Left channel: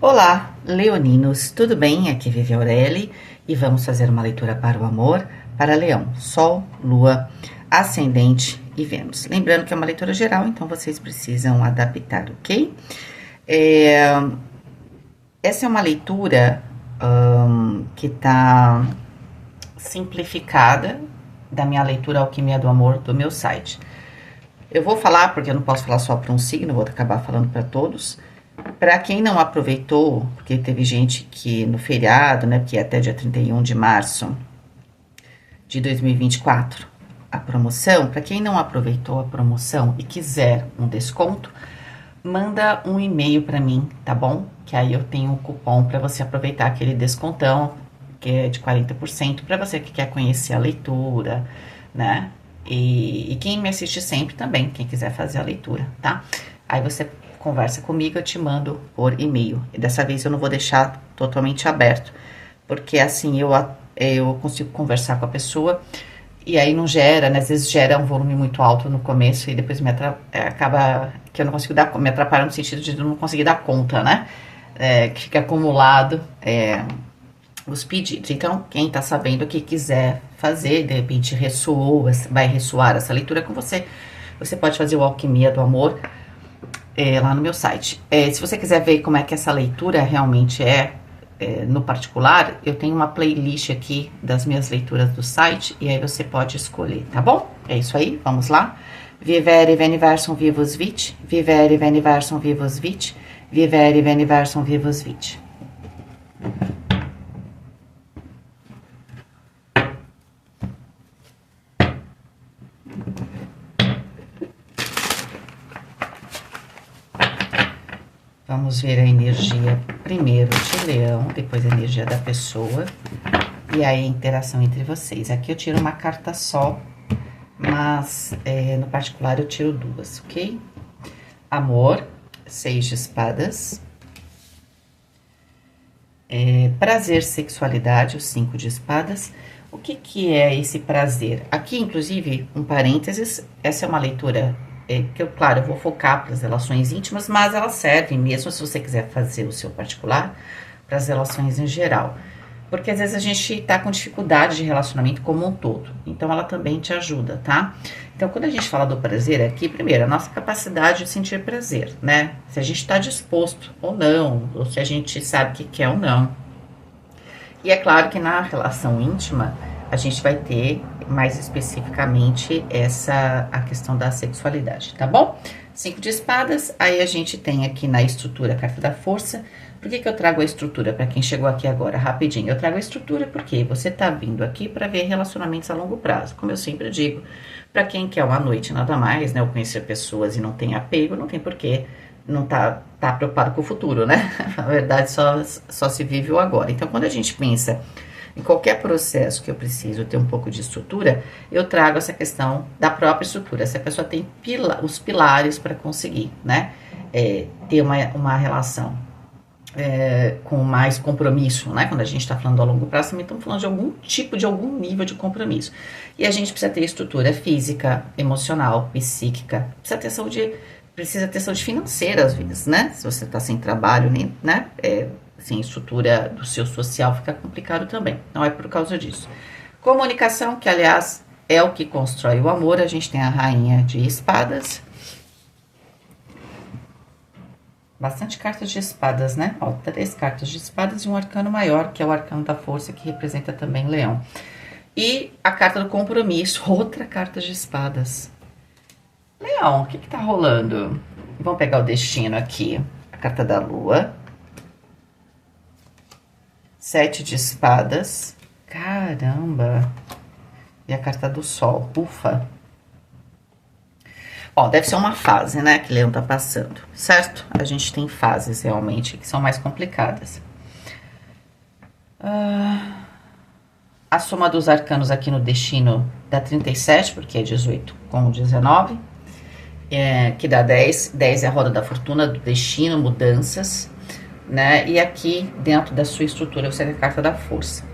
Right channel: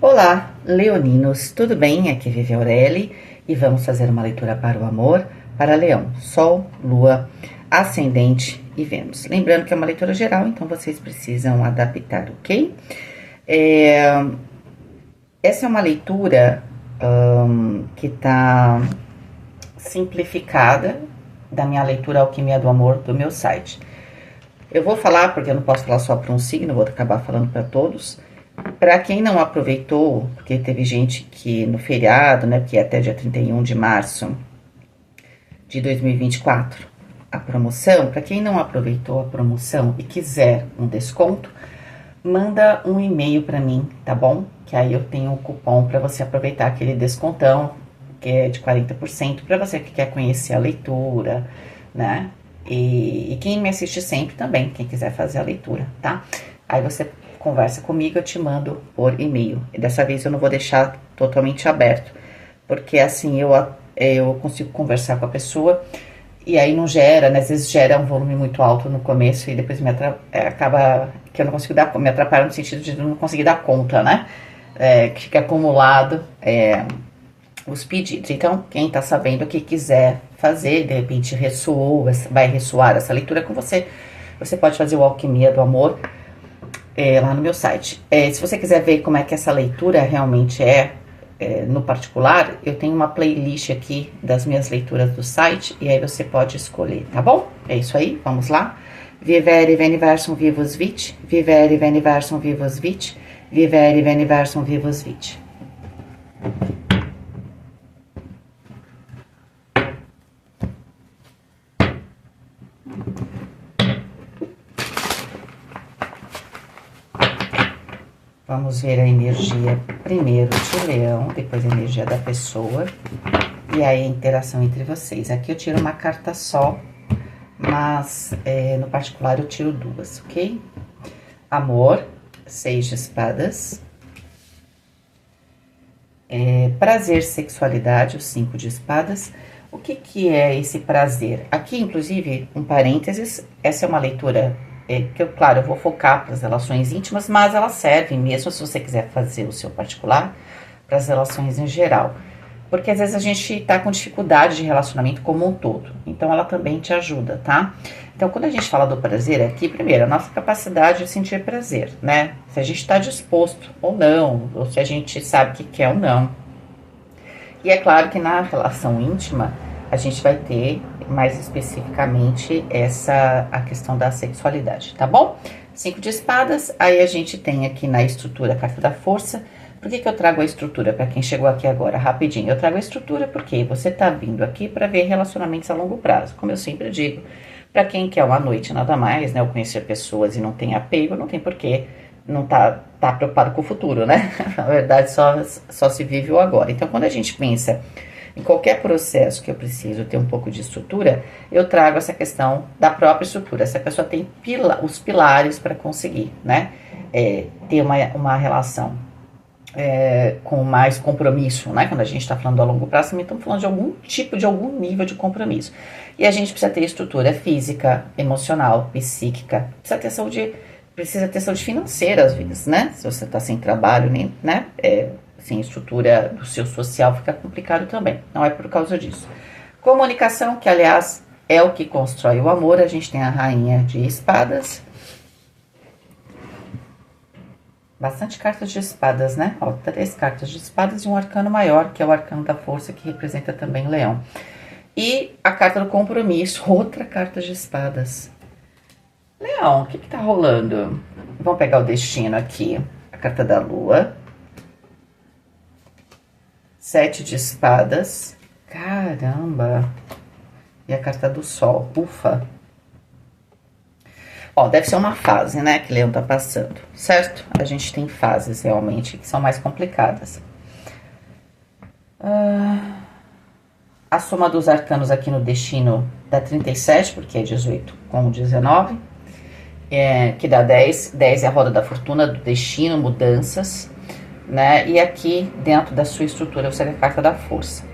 Olá, leoninos, tudo bem? Aqui vive Aureli e vamos fazer uma leitura para o amor, para Leão, Sol, Lua, Ascendente e Vênus. Lembrando que é uma leitura geral, então vocês precisam adaptar, ok? Essa é uma leitura que tá simplificada da minha leitura Alquimia do Amor do meu site. Eu vou falar, porque eu não posso falar só para um signo, vou acabar falando para todos. Para quem não aproveitou, porque teve gente que no feriado, né, porque é até dia 31 de março de 2024, a promoção, para quem não aproveitou a promoção e quiser um desconto, manda um e-mail para mim, tá bom? Que aí eu tenho um cupom para você aproveitar aquele descontão, que é de 40%, para você que quer conhecer a leitura, né? E quem me assiste sempre também, quem quiser fazer a leitura, tá? Aí você conversa comigo, eu te mando por e-mail. E dessa vez eu não vou deixar totalmente aberto, porque assim eu consigo conversar com a pessoa e aí não gera, né? Às vezes gera um volume muito alto no começo e depois acaba que eu não consigo me atrapalha no sentido de não conseguir dar conta, né? Que fica acumulado os pedidos. Então, quem tá sabendo que quiser fazer, de repente vai ressoar essa leitura com você, você pode fazer o Alquimia do Amor lá no meu site. Se você quiser ver como é que essa leitura realmente no particular, eu tenho uma playlist aqui das minhas leituras do site e aí você pode escolher, tá bom? É isso aí, vamos lá. Vivere veniversum vivus vit, vivere veniversum vivus vit, vivere veniversum vivus vit. Vamos ver a energia primeiro de Leão, depois a energia da pessoa e aí a interação entre vocês. Aqui eu tiro uma carta só, mas no particular eu tiro duas, ok? Amor, 6 de espadas. Prazer, sexualidade, o 5 de espadas. O que é esse prazer? Aqui, inclusive, um parênteses, essa é uma leitura que claro, eu vou focar para as relações íntimas, mas elas servem mesmo se você quiser fazer o seu particular, para as relações em geral. Porque às vezes a gente tá com dificuldade de relacionamento como um todo, então ela também te ajuda, tá? Então, quando a gente fala do prazer aqui, primeiro, a nossa capacidade de sentir prazer, né? Se a gente tá disposto ou não, ou se a gente sabe que quer ou não. E é claro que na relação íntima, a gente vai ter mais especificamente a questão da sexualidade, tá bom? 5 de espadas, aí a gente tem aqui na estrutura a carta da força. Por que eu trago a estrutura para quem chegou aqui agora, rapidinho? Eu trago a estrutura porque você tá vindo aqui para ver relacionamentos a longo prazo, como eu sempre digo. Para quem quer uma noite nada mais, né, ou conhecer pessoas e não tem apego, não tem porquê não tá preocupado com o futuro, né? Na verdade, só se vive o agora. Então, quando a gente pensa em qualquer processo que eu preciso ter um pouco de estrutura, eu trago essa questão da própria estrutura. Essa pessoa tem os pilares para conseguir, né? Ter uma relação com mais compromisso, né? Quando a gente está falando a longo prazo, também estamos falando de algum nível de compromisso. E a gente precisa ter estrutura física, emocional, psíquica, precisa ter saúde financeira às vezes, né? Se você está sem trabalho, nem, né? Sem estrutura do seu social, fica complicado também. Não é por causa disso. Comunicação, que aliás é o que constrói o amor. A gente tem a rainha de espadas. Bastante cartas de espadas, né? Ó, 3 cartas de espadas e um arcano maior, que é o arcano da força, que representa também Leão. E a carta do compromisso, outra carta de espadas. Leão, o que tá rolando? Vamos pegar o destino aqui. A carta da lua. 7 de espadas. Caramba! E a carta do sol. Ufa! Bom, deve ser uma fase, né, que Leão tá passando, certo? A gente tem fases, realmente, que são mais complicadas. A soma dos arcanos aqui no destino dá 37, porque é 18 com 19. Que dá 10. 10 é a roda da fortuna, do destino, mudanças, né? E aqui, dentro da sua estrutura, você tem a carta da força.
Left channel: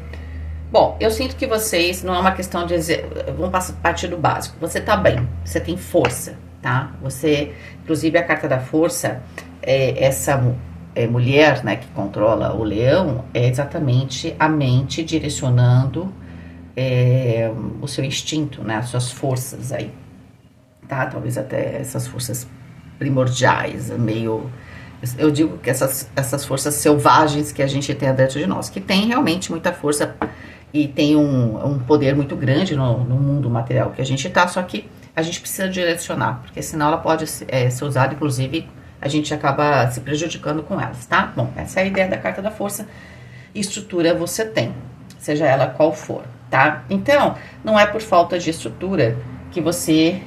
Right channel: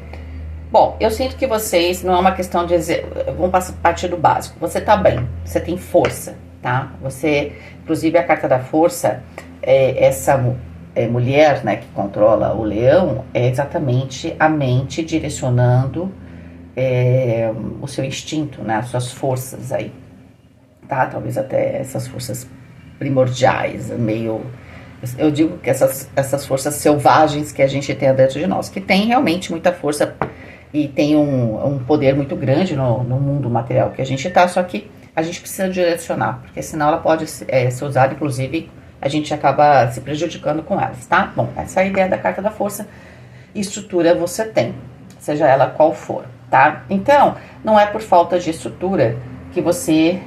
Bom, eu sinto que vocês, não é uma questão de dizer, vamos partir do básico. Você tá bem, você tem força, tá? Você, inclusive a carta da força, mulher, né, que controla o leão, é exatamente a mente direcionando o seu instinto, né, as suas forças aí, tá? Talvez até essas forças primordiais, meio... Eu digo que essas forças selvagens que a gente tem dentro de nós, que tem realmente muita força e tem um poder muito grande no mundo material que a gente tá, só que a gente precisa direcionar, porque senão ela pode ser usada, inclusive, a gente acaba se prejudicando com elas, tá? Bom, essa é a ideia da carta da força. Estrutura você tem, seja ela qual for, tá? Então, não é por falta de estrutura que você,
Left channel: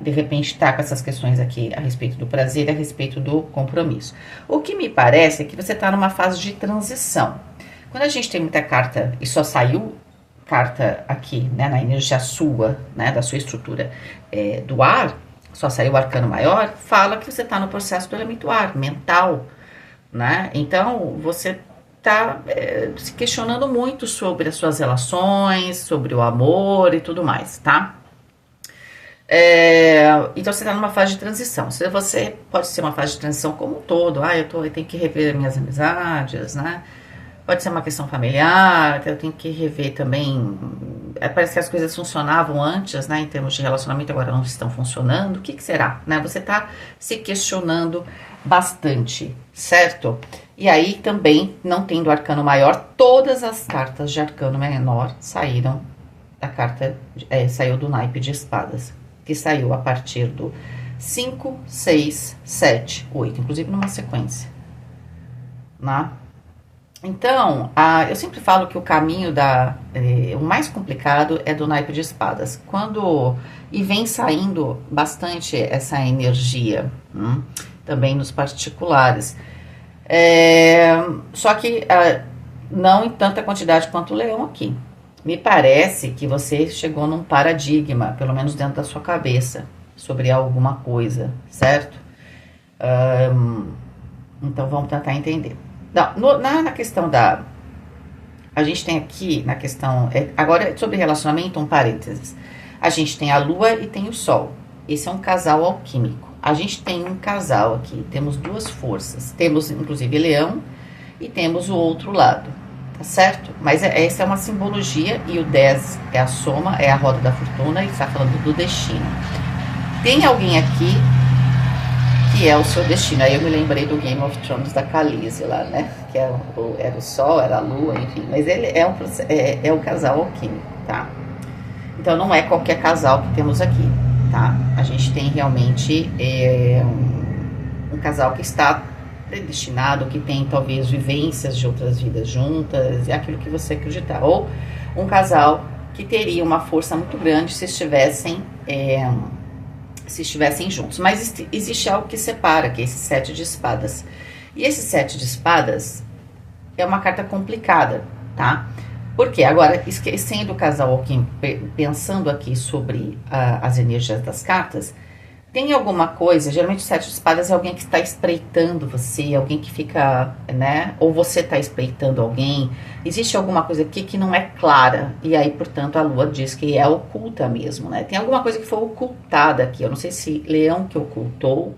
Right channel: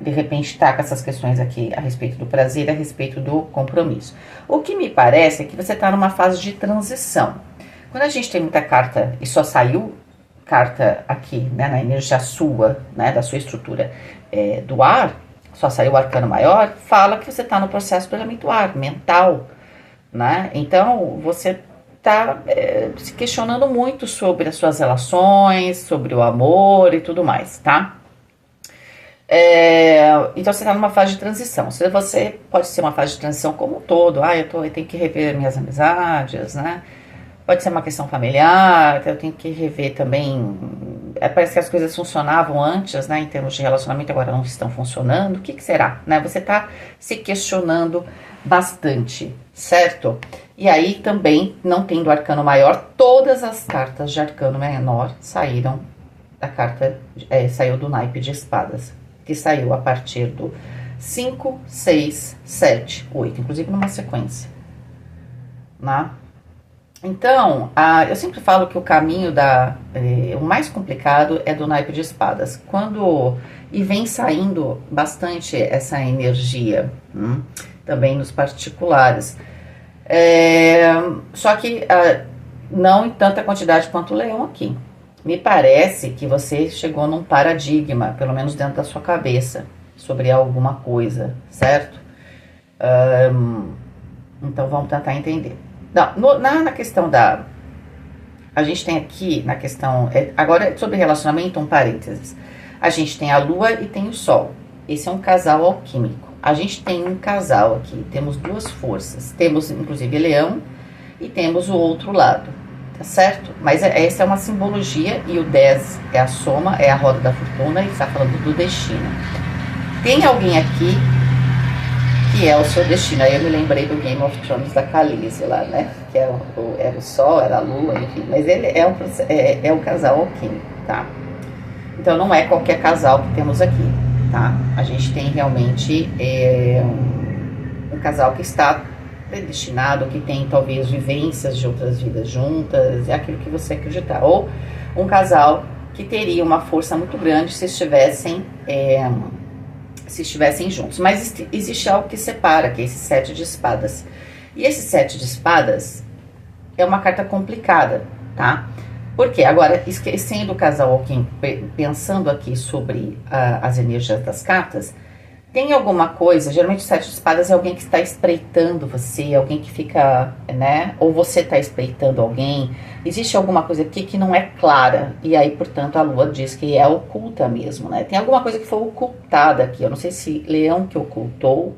de repente, tá com essas questões aqui a respeito do prazer, a respeito do compromisso. O que me parece é que você tá numa fase de transição. Quando a gente tem muita carta e só saiu carta aqui, né, na energia sua, né, da sua estrutura do ar, só saiu o arcano maior, fala que você está no processo do elemento ar, mental, né? Então, você está se questionando muito sobre as suas relações, sobre o amor e tudo mais, tá? Então, você está numa fase de transição. Se você pode ser uma fase de transição como um todo, eu tenho que rever minhas amizades, né? Pode ser uma questão familiar, eu tenho que rever também. Parece que as coisas funcionavam antes, né, em termos de relacionamento, agora não estão funcionando. O que será? Né? Você está se questionando bastante, certo? E aí também, não tendo arcano maior, todas as cartas de arcano menor saíram da carta, saiu do naipe de espadas, que saiu a partir do 5, 6, 7, 8, inclusive numa sequência, né? Então, eu sempre falo que o caminho o mais complicado é do naipe de espadas. E vem saindo bastante essa energia, também nos particulares. Só que não em tanta quantidade quanto o leão aqui. Me parece que você chegou num paradigma, pelo menos dentro da sua cabeça, sobre alguma coisa, certo? Então, vamos tentar entender. Não, na questão a gente tem aqui, na questão... agora, sobre relacionamento, um parênteses. A gente tem a lua e tem o sol. Esse é um casal alquímico. A gente tem um casal aqui, temos duas forças. Temos, inclusive, leão e temos o outro lado, tá certo? Mas essa é uma simbologia e o 10 é a soma, é a roda da fortuna e está falando do destino. Tem alguém aqui que é o seu destino. Aí eu me lembrei do Game of Thrones da Khaleesi lá, né? Que era o sol, era a lua, enfim. Mas ele é um casal alquímico, tá? Então não é qualquer casal que temos aqui, tá? A gente tem realmente um casal que está predestinado, que tem talvez vivências de outras vidas juntas, é aquilo que você acreditar. Ou um casal que teria uma força muito grande se estivessem juntos. Mas existe algo que separa, que é esse 7 de espadas. E esse 7 de espadas é uma carta complicada, tá? Porque agora, esquecendo o casal alquímico, pensando aqui sobre as energias das cartas, tem alguma coisa, geralmente o 7 de espadas é alguém que está espreitando você, alguém que fica, né? Ou você está espreitando alguém. Existe alguma coisa aqui que não é clara, e aí, portanto, a lua diz que é oculta mesmo, né? Tem alguma coisa que foi ocultada aqui, eu não sei se leão que ocultou,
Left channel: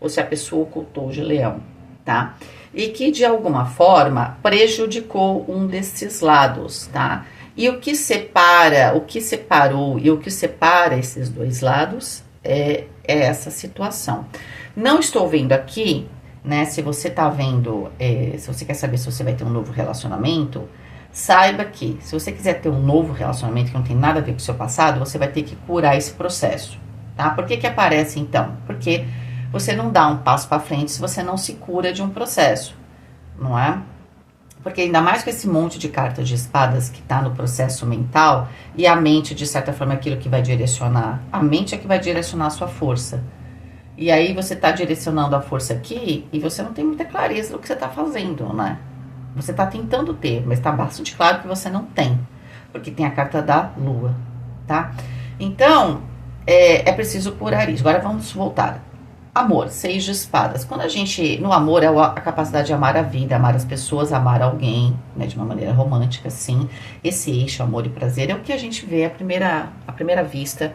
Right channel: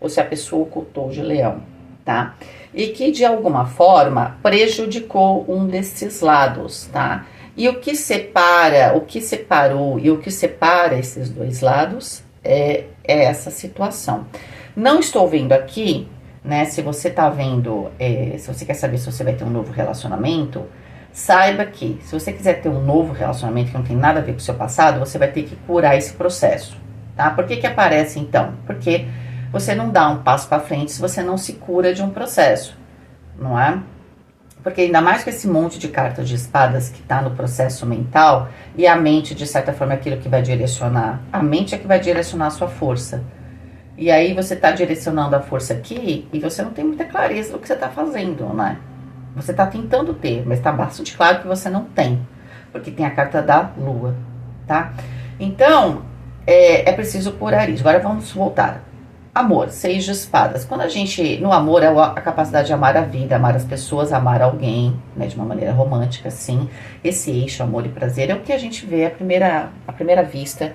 ou se a pessoa ocultou de leão, tá? E que, de alguma forma, prejudicou um desses lados, tá? E o que separou e o que separa esses dois lados é essa situação. Não estou vendo aqui, né? Se você tá vendo, se você quer saber se você vai ter um novo relacionamento, saiba que se você quiser ter um novo relacionamento que não tem nada a ver com o seu passado, você vai ter que curar esse processo, tá? Por que aparece então? Porque você não dá um passo para frente se você não se cura de um processo, não é? Porque ainda mais com esse monte de cartas de espadas que tá no processo mental, e a mente, de certa forma, é aquilo que vai direcionar. A mente é que vai direcionar a sua força. E aí você tá direcionando a força aqui e você não tem muita clareza do que você tá fazendo, né? Você tá tentando ter, mas tá bastante claro que você não tem. Porque tem a carta da lua, tá? Então, é preciso curar isso. Agora vamos voltar. Amor, 6 de espadas. Quando no amor, é a capacidade de amar a vida, amar as pessoas, amar alguém, né, de uma maneira romântica, sim. Esse eixo, amor e prazer, é o que a gente vê à primeira vista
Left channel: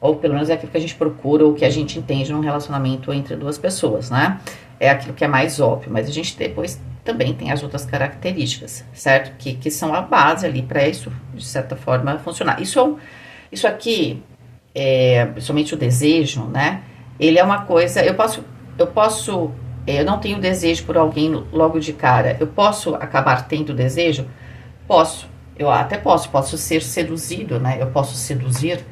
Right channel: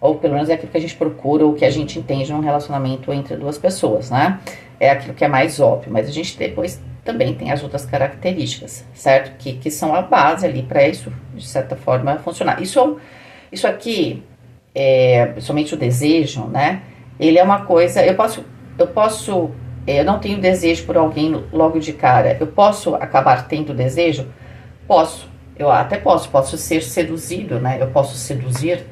Ou pelo menos é aquilo que a gente procura, ou que a gente entende num relacionamento entre duas pessoas, né? É aquilo que é mais óbvio, mas a gente depois também tem as outras características, certo? Que são a base ali para isso, de certa forma, funcionar. Isso aqui, somente o desejo, né? Ele é uma coisa, eu não tenho desejo por alguém logo de cara. Eu posso acabar tendo desejo? Posso. Eu até posso ser seduzido, né? Eu posso seduzir.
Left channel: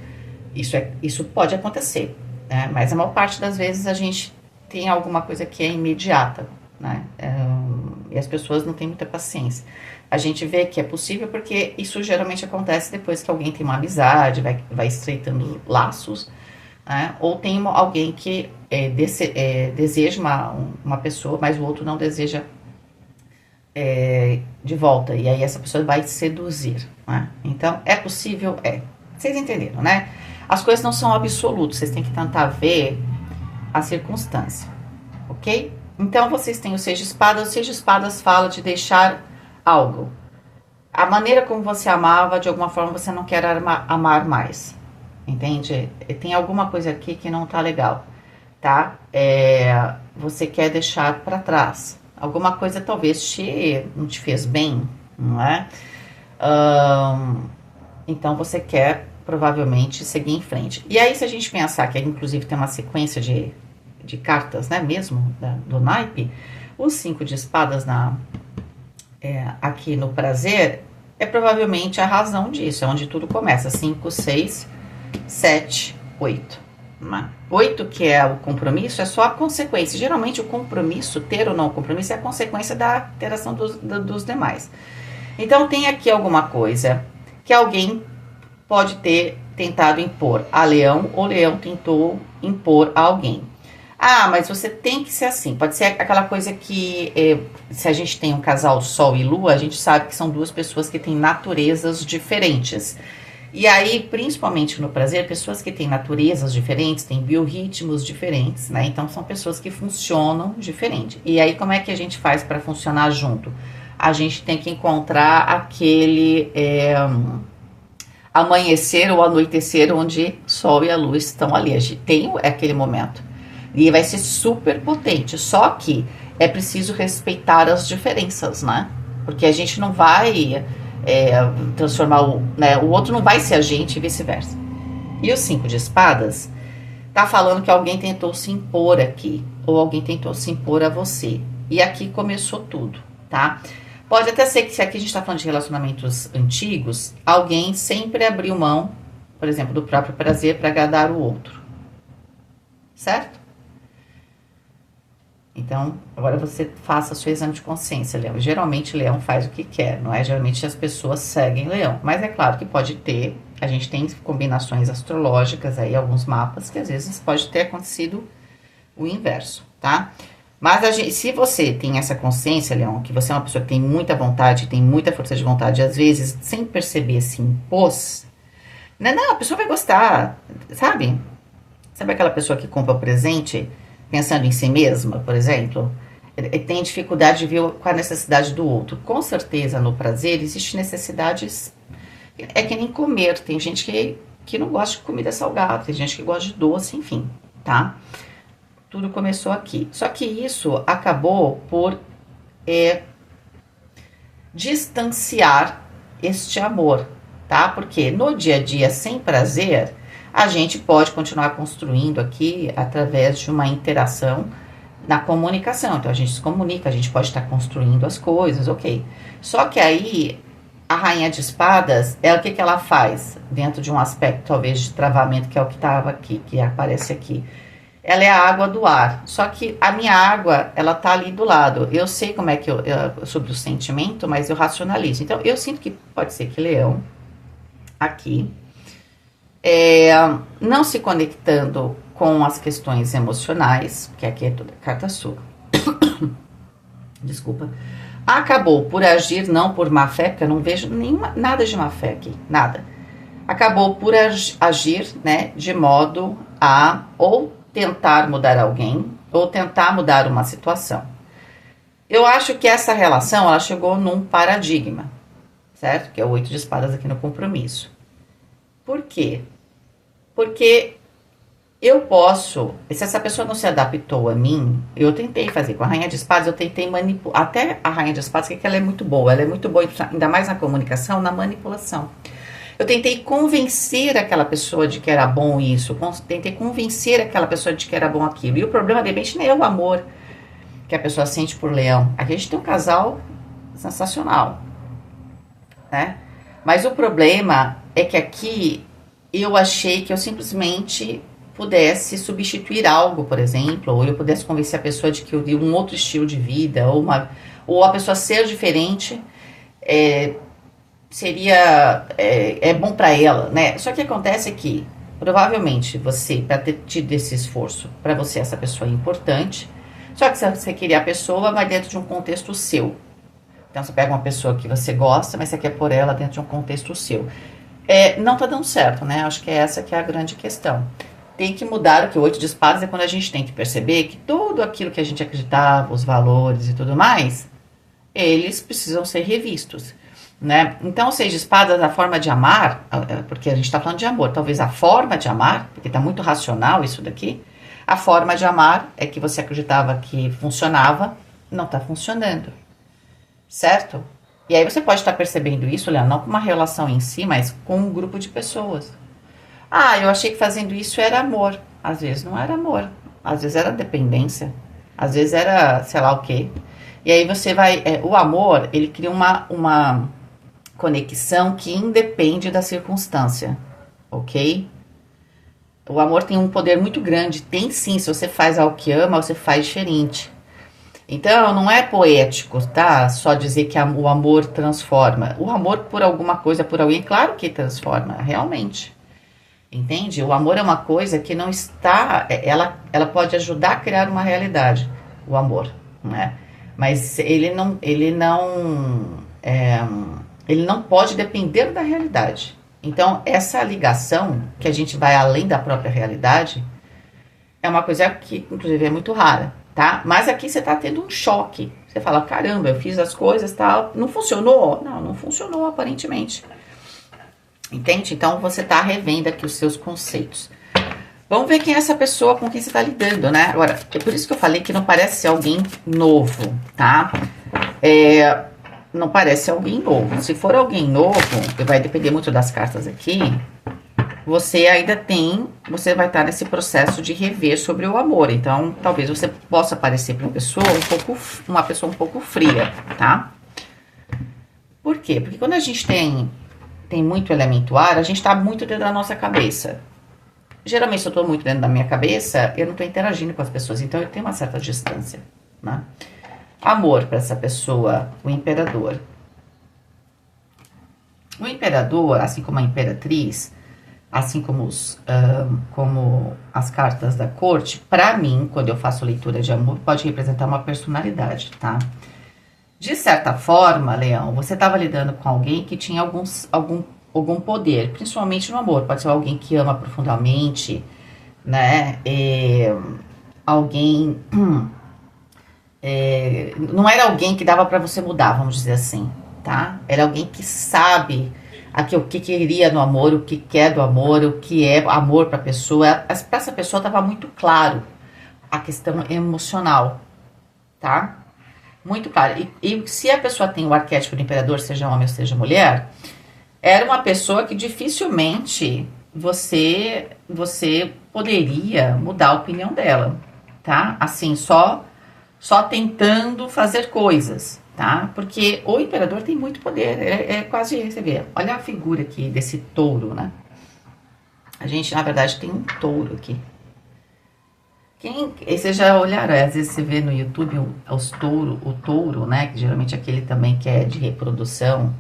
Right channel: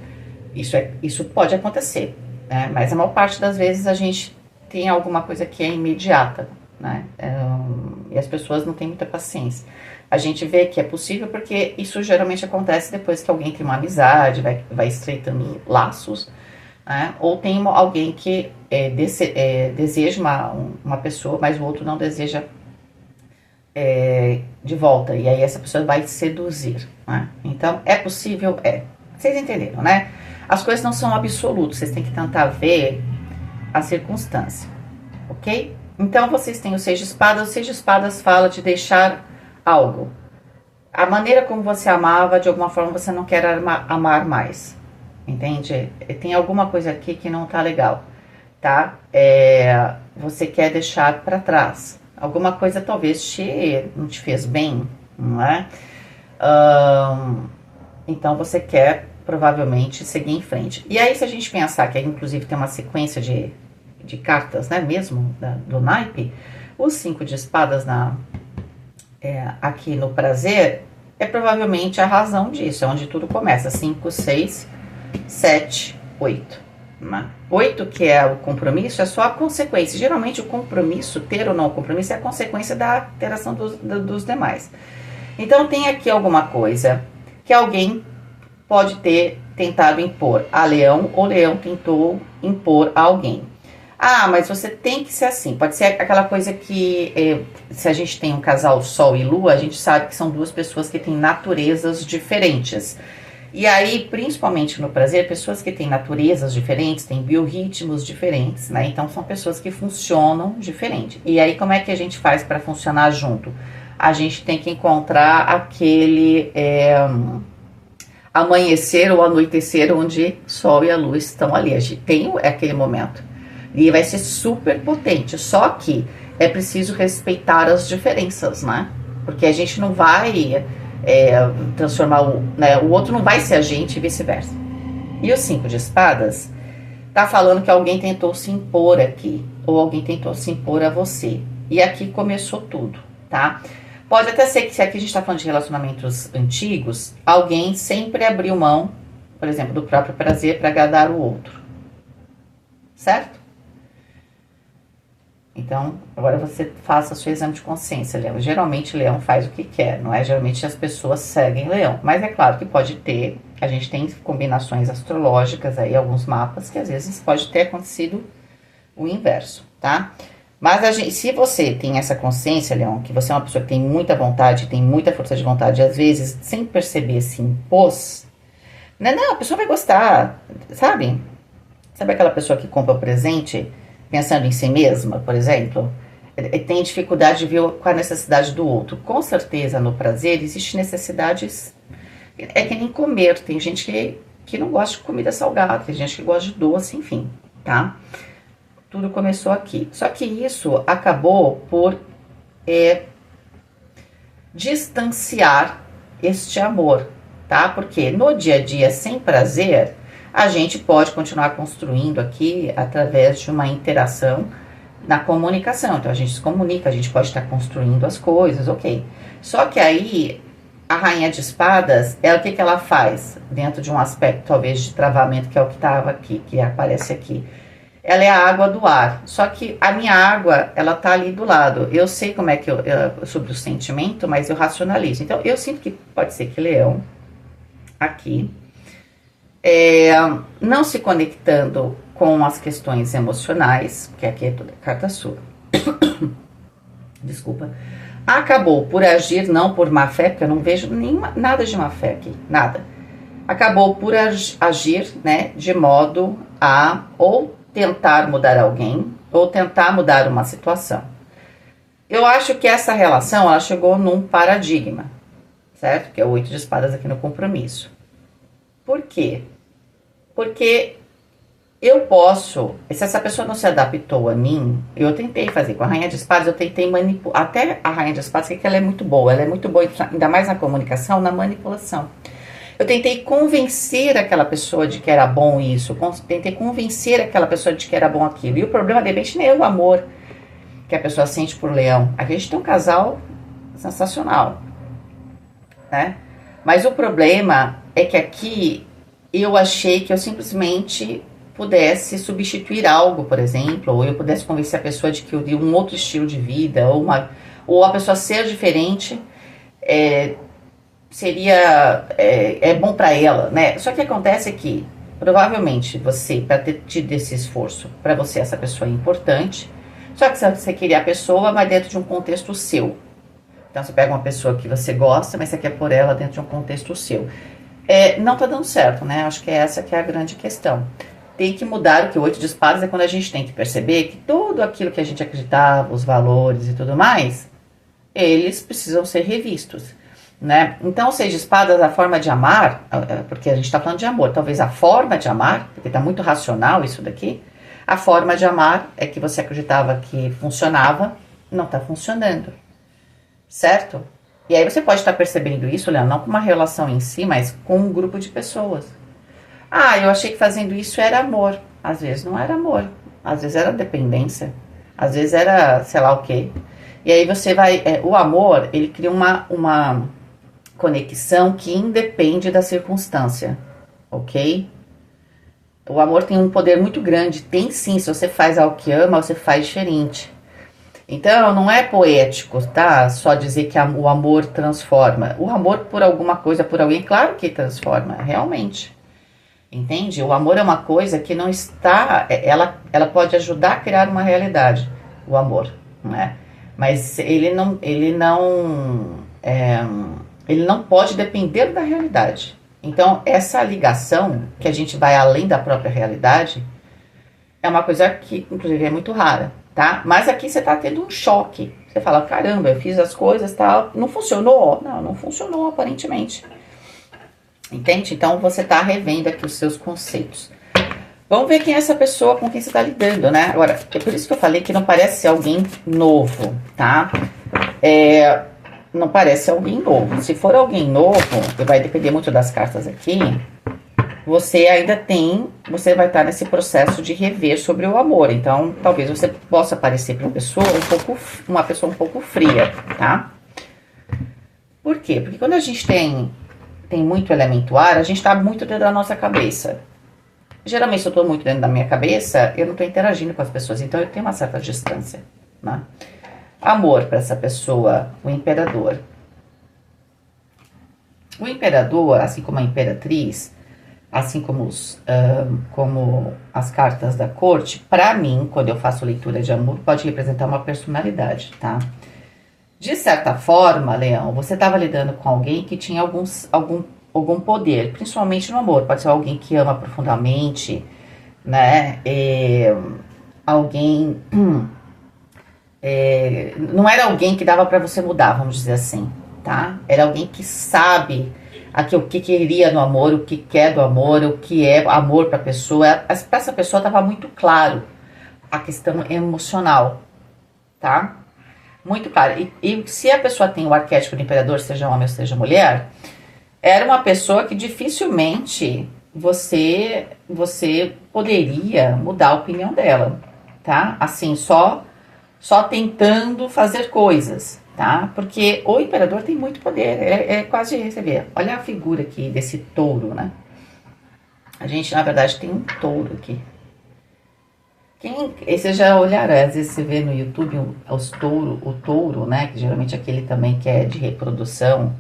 Isso pode acontecer, né? Mas a maior parte das vezes a gente tem alguma coisa que é imediata, né? E as pessoas não têm muita paciência. A gente vê que é possível porque isso geralmente acontece depois que alguém tem uma amizade, vai estreitando laços, né? Ou tem alguém que deseja uma pessoa, mas o outro não deseja de volta. E aí essa pessoa vai seduzir, né? Então, é possível? É. Vocês entenderam, né? As coisas não são absolutas, vocês têm que tentar ver a circunstância, ok? Então, vocês têm o Seis de Espadas. O Seis de Espadas fala de deixar algo. A maneira como você amava, de alguma forma, você não quer amar mais. Entende? Tem alguma coisa aqui que não tá legal, tá? Você quer deixar para trás. Alguma coisa talvez não te fez bem, não é? Então, você quer provavelmente seguir em frente. E aí, se a gente pensar que inclusive tem uma sequência de cartas, né, mesmo, do naipe, os 5 de espadas aqui no prazer é provavelmente a razão disso, é onde tudo começa. 5, 6, 7, 8. 8, que é o compromisso, é só a consequência. Geralmente o compromisso, ter ou não compromisso, é a consequência da interação dos demais. Então tem aqui alguma coisa que alguém pode ter tentado impor a Leão, ou Leão tentou impor a alguém. Ah, mas você tem que ser assim. Pode ser aquela coisa que, se a gente tem um casal Sol e Lua, a gente sabe que são duas pessoas que têm naturezas diferentes. E aí, principalmente no prazer, pessoas que têm naturezas diferentes, têm biorritmos diferentes, né? Então, são pessoas que funcionam diferente. E aí, como é que a gente faz para funcionar junto? A gente tem que encontrar aquele amanhecer ou anoitecer onde Sol e a Lua estão ali. A gente tem aquele momento. E vai ser super potente. Só que é preciso respeitar as diferenças, né? Porque a gente não vai transformar o outro não vai ser a gente e vice-versa. E o 5 de espadas tá falando que alguém tentou se impor aqui, ou alguém tentou se impor a você. E aqui começou tudo, tá? Pode até ser que, se aqui a gente tá falando de relacionamentos antigos, alguém sempre abriu mão, por exemplo, do próprio prazer para agradar o outro. Certo? Então, agora você faça seu exame de consciência, Leão. Geralmente, Leão faz o que quer, não é? Geralmente, as pessoas seguem Leão. Mas é claro que pode ter, a gente tem combinações astrológicas aí, alguns mapas, que às vezes pode ter acontecido o inverso, tá? Mas se você tem essa consciência, Leão, que você é uma pessoa que tem muita vontade, tem muita força de vontade, às vezes, sem perceber, se impôs, né? Não, a pessoa vai gostar, sabe? Sabe aquela pessoa que compra o presente pensando em si mesma, por exemplo? Tem dificuldade de ver qual a necessidade do outro. Com certeza, no prazer, existem necessidades. É que nem comer. Tem gente que não gosta de comida salgada, tem gente que gosta de doce, enfim, tá? Tudo começou aqui. Só que isso acabou por distanciar este amor, tá? Porque no dia a dia, sem prazer, a gente pode continuar construindo aqui através de uma interação na comunicação. Então, a gente se comunica, a gente pode estar construindo as coisas, ok. Só que aí, a Rainha de Espadas, o que ela faz? Dentro de um aspecto, talvez, de travamento, que é o que estava aqui, que aparece aqui. Ela é a água do ar. Só que a minha água, ela tá ali do lado. Eu sei como é que sobre o sentimento, mas eu racionalizo. Então, eu sinto que pode ser que Leão, aqui, não se conectando com as questões emocionais, que aqui é toda carta sua, desculpa, acabou por agir, não por má fé, porque eu não vejo nada de má fé aqui, nada. Acabou por agir, né, de modo a ou tentar mudar alguém, ou tentar mudar uma situação. Eu acho que essa relação, ela chegou num paradigma, certo? Que é o 8 de espadas aqui no compromisso. Por quê? Porque eu posso, se essa pessoa não se adaptou a mim, eu tentei fazer com a Rainha de Espadas, eu tentei manipular, até a Rainha de Espadas, que ela é muito boa, ainda mais na comunicação, na manipulação. Eu tentei convencer aquela pessoa de que era bom isso, tentei convencer aquela pessoa de que era bom aquilo. E o problema, de repente, nem é o amor que a pessoa sente por Leão. Aqui a gente tem um casal sensacional, né? Mas o problema é que aqui eu achei que eu simplesmente pudesse substituir algo, por exemplo, ou eu pudesse convencer a pessoa de que eu de um outro estilo de vida, ou a pessoa ser diferente, seria bom para ela, né? Só que acontece que provavelmente você, para ter tido esse esforço, para você essa pessoa é importante, só que você queria a pessoa, mas dentro de um contexto seu. Então você pega uma pessoa que você gosta, mas você quer pôr ela dentro de um contexto seu. Não tá dando certo, né? Acho que essa que é a grande questão. Tem que mudar. O que o 8 de espadas é quando a gente tem que perceber que tudo aquilo que a gente acreditava, os valores e tudo mais, eles precisam ser revistos, né? Então, o 6 de espadas, a forma de amar, porque a gente está falando de amor, talvez a forma de amar, porque está muito racional isso daqui, a forma de amar é que você acreditava que funcionava, não está funcionando, certo? E aí você pode estar percebendo isso, Leandro, não com uma relação em si, mas com um grupo de pessoas. Ah, eu achei que fazendo isso era amor. Às vezes não era amor, às vezes era dependência, às vezes era sei lá o quê. E aí você vai, o amor, ele cria uma conexão que independe da circunstância, ok? O amor tem um poder muito grande, tem sim, se você faz algo que ama, você faz diferente. Então, não é poético, tá? Só dizer que o amor transforma. O amor por alguma coisa, por alguém, claro que transforma, realmente. Entende? O amor é uma coisa que não está... Ela pode ajudar a criar uma realidade, o amor, né? Mas ele não pode depender da realidade. Então, essa ligação, que a gente vai além da própria realidade, é uma coisa que, inclusive, é muito rara, tá? Mas aqui você tá tendo um choque. Você fala, caramba, eu fiz as coisas e tal, não funcionou? Não funcionou, aparentemente. Entende? Então, você tá revendo aqui os seus conceitos. Vamos ver quem é essa pessoa com quem você tá lidando, né? Agora, é por isso que eu falei que não parece ser alguém novo, tá? Não parece alguém novo. Se for alguém novo, vai depender muito das cartas aqui, você vai estar nesse processo de rever sobre o amor. Então, talvez você possa parecer para uma pessoa um pouco fria, tá? Por quê? Porque quando a gente tem muito elemento ar, a gente tá muito dentro da nossa cabeça. Geralmente, se eu tô muito dentro da minha cabeça, eu não tô interagindo com as pessoas, então eu tenho uma certa distância, né? Amor para essa pessoa, o imperador. O imperador, assim como a imperatriz, assim como as cartas da corte, para mim, quando eu faço leitura de amor, pode representar uma personalidade, tá? De certa forma, Leão, você estava lidando com alguém que tinha algum poder, principalmente no amor. Pode ser alguém que ama profundamente, né? Alguém... não era alguém que dava para você mudar, vamos dizer assim, tá? Era alguém que sabe o que queria no amor, o que quer do amor, o que é amor para a pessoa. Para essa pessoa estava muito claro a questão emocional, tá? Muito claro. E se a pessoa tem o arquétipo do imperador, seja homem ou seja mulher, era uma pessoa que dificilmente você poderia mudar a opinião dela, tá? Assim, só tentando fazer coisas, tá? Porque o imperador tem muito poder, quase, você vê, olha a figura aqui desse touro, né? A gente, na verdade, tem um touro aqui. Vocês já olharam, às vezes você vê no YouTube o touro, né? Que geralmente é aquele também que é de reprodução.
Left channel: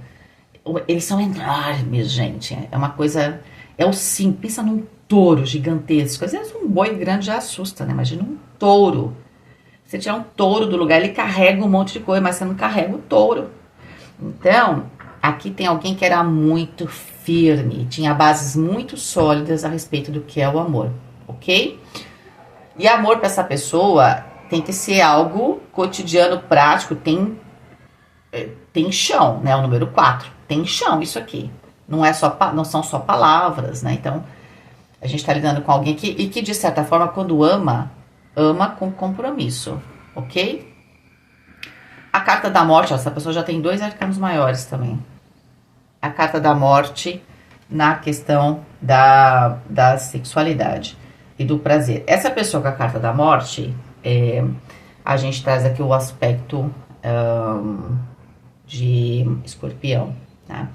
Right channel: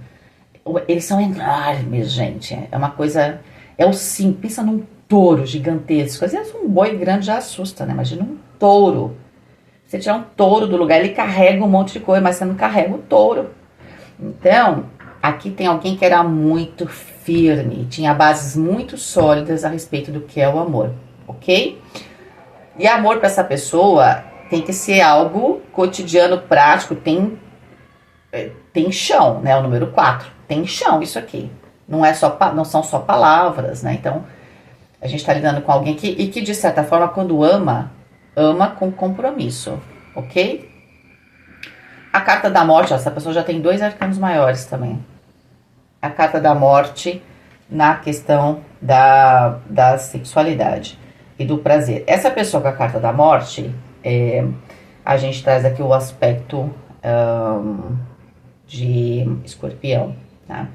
Eles são enormes, gente. É uma coisa... pensa num touro gigantesco. Às vezes um boi grande já assusta, né? Imagina um touro. Você tirar um touro do lugar, ele carrega um monte de coisa, mas você não carrega o touro. Então, aqui tem alguém que era muito firme, tinha bases muito sólidas a respeito do que é o amor, ok? E amor para essa pessoa tem que ser algo cotidiano, prático, tem chão, né? O número 4, tem chão isso aqui. Não são só palavras, né? Então, A gente tá lidando com alguém que de certa forma, quando ama, ama com compromisso, ok? A carta da morte, ó, essa pessoa já tem 2 arcanos maiores também. A carta da morte na questão da sexualidade e do prazer. Essa pessoa com a carta da morte, a gente traz aqui o aspecto de escorpião, tá?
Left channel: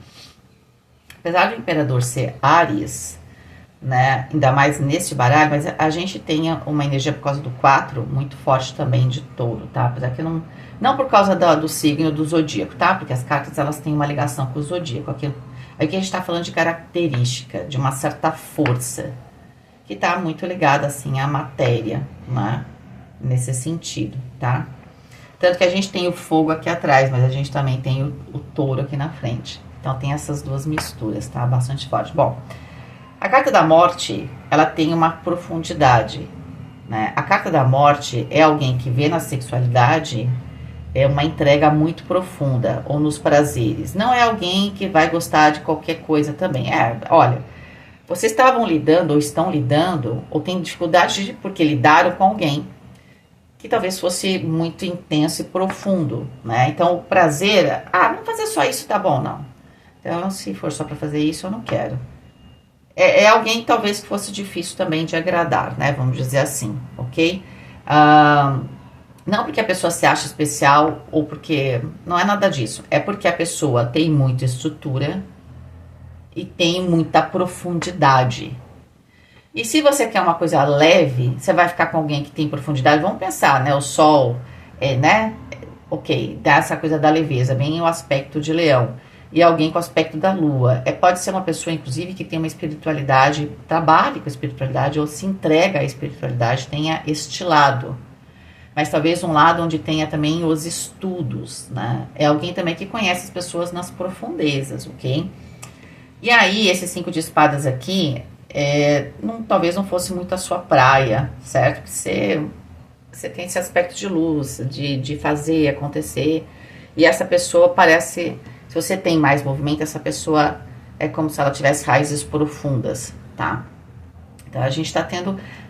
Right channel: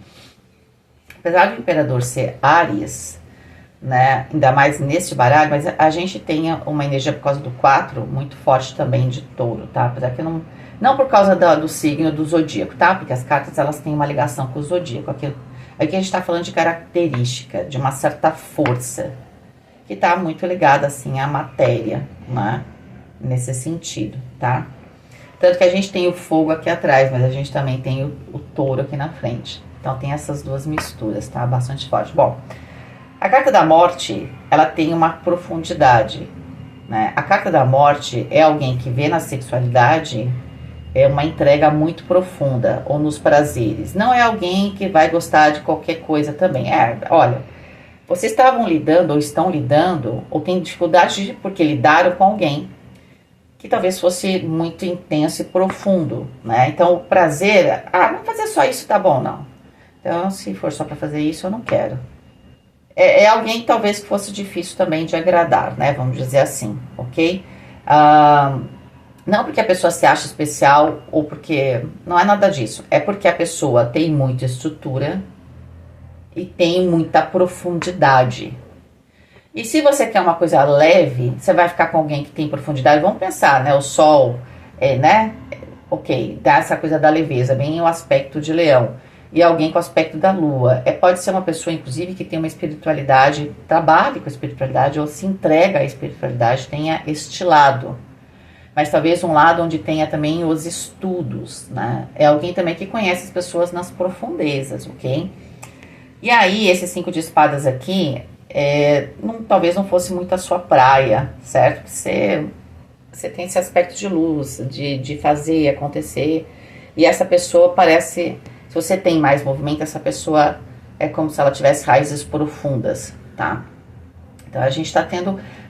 Apesar do imperador ser Áries, né, ainda mais nesse baralho, mas a gente tem uma energia por causa do 4 muito forte também de touro, tá? Apesar que não por causa do signo do zodíaco, tá? Porque as cartas, elas têm uma ligação com o zodíaco. Aqui a gente tá falando de característica, de uma certa força, que tá muito ligada, assim, à matéria, né? Nesse sentido, tá? Tanto que a gente tem o fogo aqui atrás, mas a gente também tem o touro aqui na frente. Então, tem essas duas misturas, tá? Bastante forte. Bom, a carta da morte, ela tem uma profundidade, né? A carta da morte é alguém que vê na sexualidade uma entrega muito profunda, ou nos prazeres. Não é alguém que vai gostar de qualquer coisa também. Olha, vocês estavam lidando, ou estão lidando, ou têm dificuldade porque lidaram com alguém que talvez fosse muito intenso e profundo, né? Então, o prazer, não fazer só isso tá bom, não. Então, se for só para fazer isso, eu não quero. É alguém talvez que fosse difícil também de agradar, né? Vamos dizer assim, ok? Não porque a pessoa se acha especial ou porque... Não é nada disso. É porque a pessoa tem muita estrutura e tem muita profundidade. E se você quer uma coisa leve, você vai ficar com alguém que tem profundidade. Vamos pensar, né? O sol, né? Ok, dá essa coisa da leveza, bem o aspecto de leão. E alguém com o aspecto da lua. Pode ser uma pessoa, inclusive, que tem uma espiritualidade, trabalhe com a espiritualidade ou se entrega à espiritualidade, tenha este lado. Mas talvez um lado onde tenha também os estudos, né? É alguém também que conhece as pessoas nas profundezas, ok? E aí, esse 5 de espadas aqui, talvez não fosse muito a sua praia, certo? Você tem esse aspecto de luz, de fazer acontecer. E essa pessoa parece... Se você tem mais movimento, essa pessoa é como se ela tivesse raízes profundas, tá? Então, a gente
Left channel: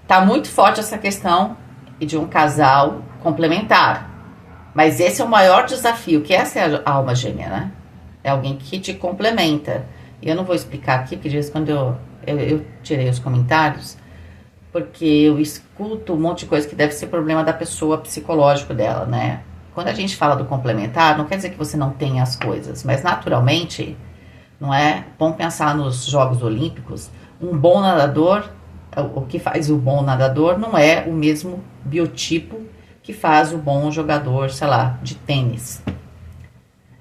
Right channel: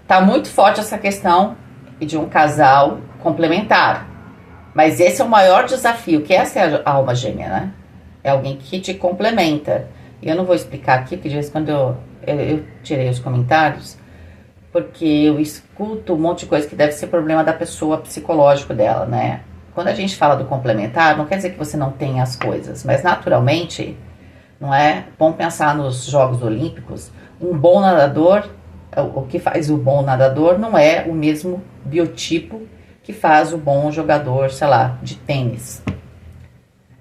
tá muito forte essa questão de um casal complementar. Mas esse é o maior desafio, que essa é a alma gêmea, né? É alguém que te complementa. E eu não vou explicar aqui, porque de vez em quando eu tirei os comentários, porque eu escuto um monte de coisa que deve ser problema da pessoa psicológico dela, né? Quando a gente fala do complementar, não quer dizer que você não tenha as coisas, mas naturalmente, não é? Vamos pensar nos Jogos Olímpicos, um bom nadador, o que faz o bom nadador não é o mesmo biotipo que faz o bom jogador, sei lá, de tênis.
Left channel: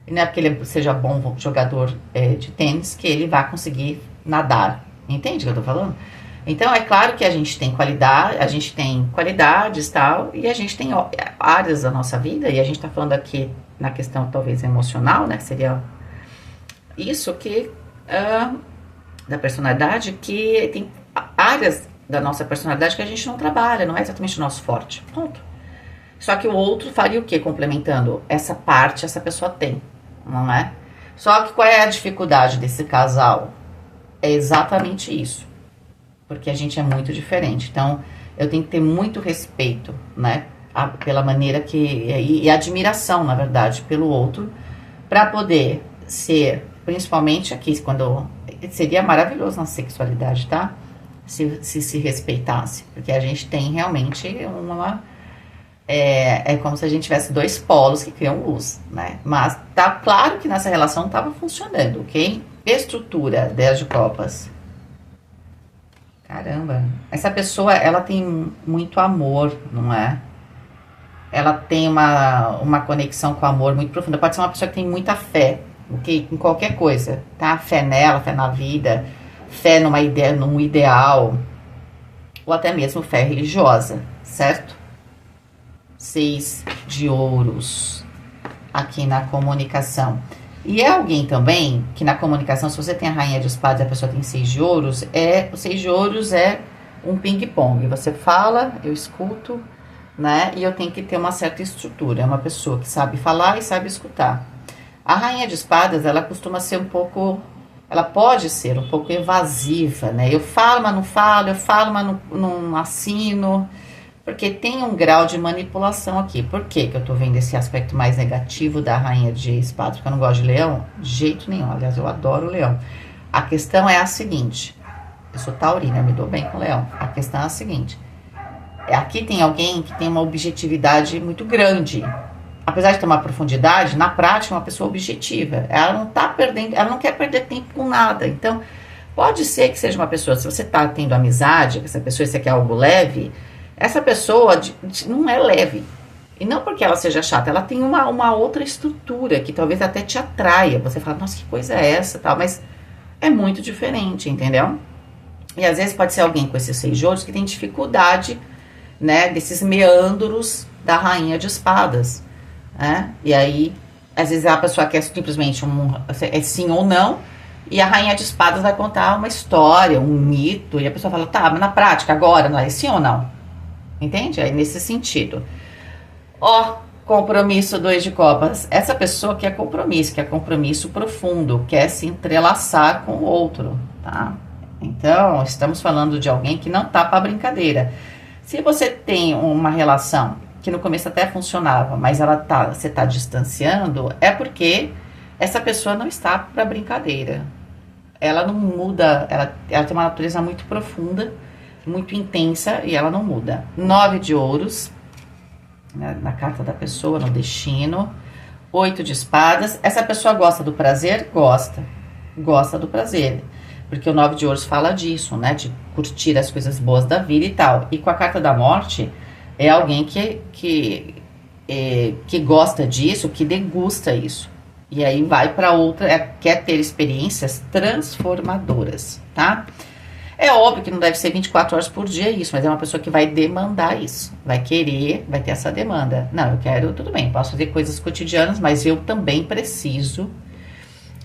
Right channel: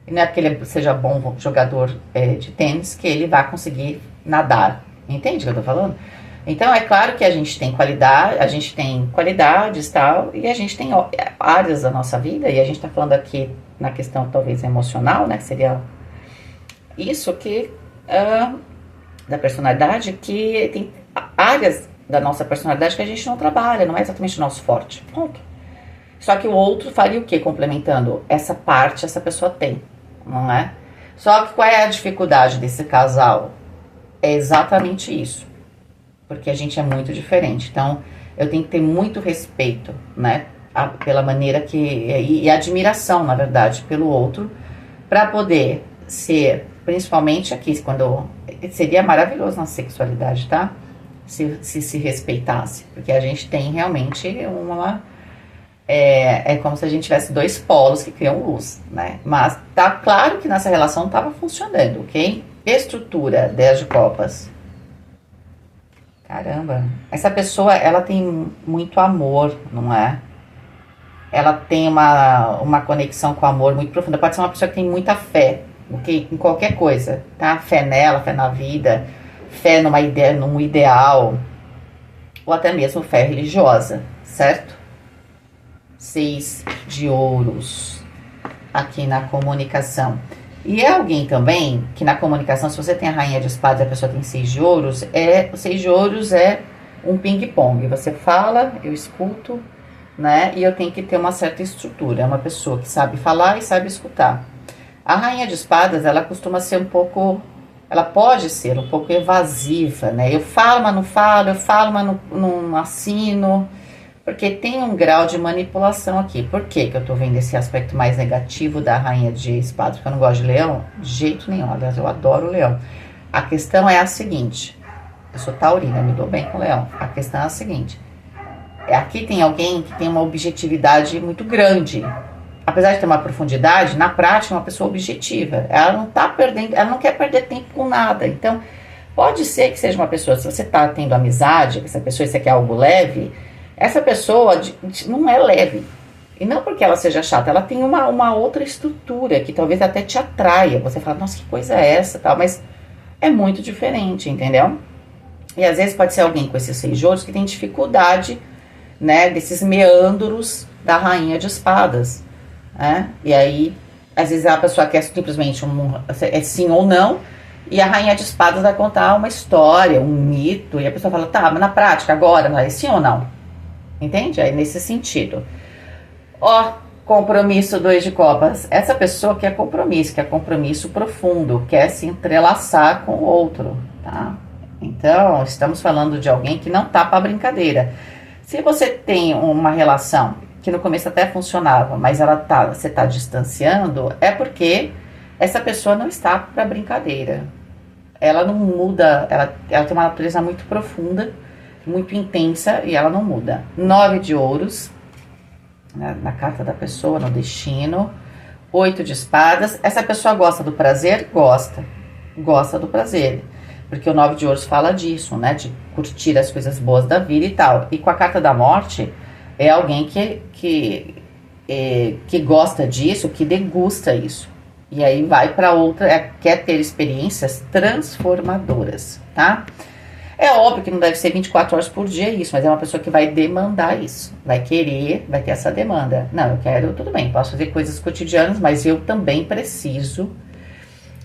E não é porque ele seja bom jogador de tênis que ele vai conseguir nadar. Entende o que eu tô falando? Então, é claro que a gente tem qualidades e tal, e a gente tem áreas da nossa vida, e a gente tá falando aqui na questão talvez emocional, né, que seria isso que, da personalidade, que tem áreas da nossa personalidade que a gente não trabalha, não é exatamente o nosso forte, ponto. Só que o outro faria o quê? Complementando essa parte, essa pessoa tem, não é? Só que qual é a dificuldade desse casal? É exatamente isso. Porque a gente é muito diferente. Então, eu tenho que ter muito respeito, né? Pela maneira que... E admiração, na verdade, pelo outro. Para poder ser, principalmente aqui, quando... Seria maravilhoso na sexualidade, tá? Se respeitasse. Porque a gente tem realmente uma... É como se a gente tivesse 2 polos que criam luz, né? Mas tá claro que nessa relação estava funcionando, ok? Estrutura, 10 de copas. Caramba, essa pessoa, ela tem muito amor, não é? Ela tem uma conexão com o amor muito profunda. Pode ser uma pessoa que tem muita fé, ok? Em qualquer coisa, tá? Fé nela, fé na vida, fé numa ideia, num ideal, ou até mesmo fé religiosa, certo? 6 de ouros aqui na comunicação. E é alguém também que na comunicação, se você tem a rainha de espadas e a pessoa tem 6 de ouros, o 6 de ouros é um ping-pong. Você fala, eu escuto, né? E eu tenho que ter uma certa estrutura. É uma pessoa que sabe falar e sabe escutar. A rainha de espadas, ela costuma ser um pouco ela pode ser um pouco evasiva, né? Eu falo, mas não falo, eu falo, mas não assino, porque tem um grau de manipulação aqui. Por que que eu tô vendo esse aspecto mais negativo da rainha de espadas? Porque eu não gosto de leão? De jeito nenhum, aliás, eu adoro leão. A questão é a seguinte, eu sou taurina, eu me dou bem com leão. A questão é a seguinte, aqui tem alguém que tem uma objetividade muito grande. Apesar de ter uma profundidade, na prática é uma pessoa objetiva. Ela não tá perdendo, ela não quer perder tempo com nada. Então, pode ser que seja uma pessoa, se você tá tendo amizade com essa pessoa e você quer algo leve, essa pessoa não é leve. E não porque ela seja chata, ela tem uma outra estrutura que talvez até te atraia. Você fala, nossa, que coisa é essa, tal, mas é muito diferente, entendeu? E às vezes pode ser alguém com esses 6 de ouros que tem dificuldade, né, desses meandros da rainha de espadas, né? E aí, às vezes a pessoa quer simplesmente é sim ou não, e a rainha de espadas vai contar uma história, um mito, e a pessoa fala, tá, mas na prática agora, não é sim ou não? Entende? Aí nesse sentido. Ó, compromisso 2 de copas. Essa pessoa quer compromisso profundo, quer se entrelaçar com o outro, tá? Então, estamos falando de alguém que não tá para brincadeira. Se você tem uma relação que no começo até funcionava, mas você tá distanciando, é porque essa pessoa não está para brincadeira. Ela não muda, ela tem uma natureza muito profunda, muito intensa e ela não muda. 9 de ouros, né, na carta da pessoa, no destino. 8 de espadas. Essa pessoa gosta do prazer? Gosta do prazer. Porque o 9 de ouros fala disso, né? De curtir as coisas boas da vida e tal. E com a carta da morte, é alguém que gosta disso, que degusta isso. E aí vai para outra, quer ter experiências transformadoras, tá? É óbvio que não deve ser 24 horas por dia isso, mas é uma pessoa que vai demandar isso. Vai querer, vai ter essa demanda. Não, eu quero, tudo bem, posso fazer coisas cotidianas, mas eu também preciso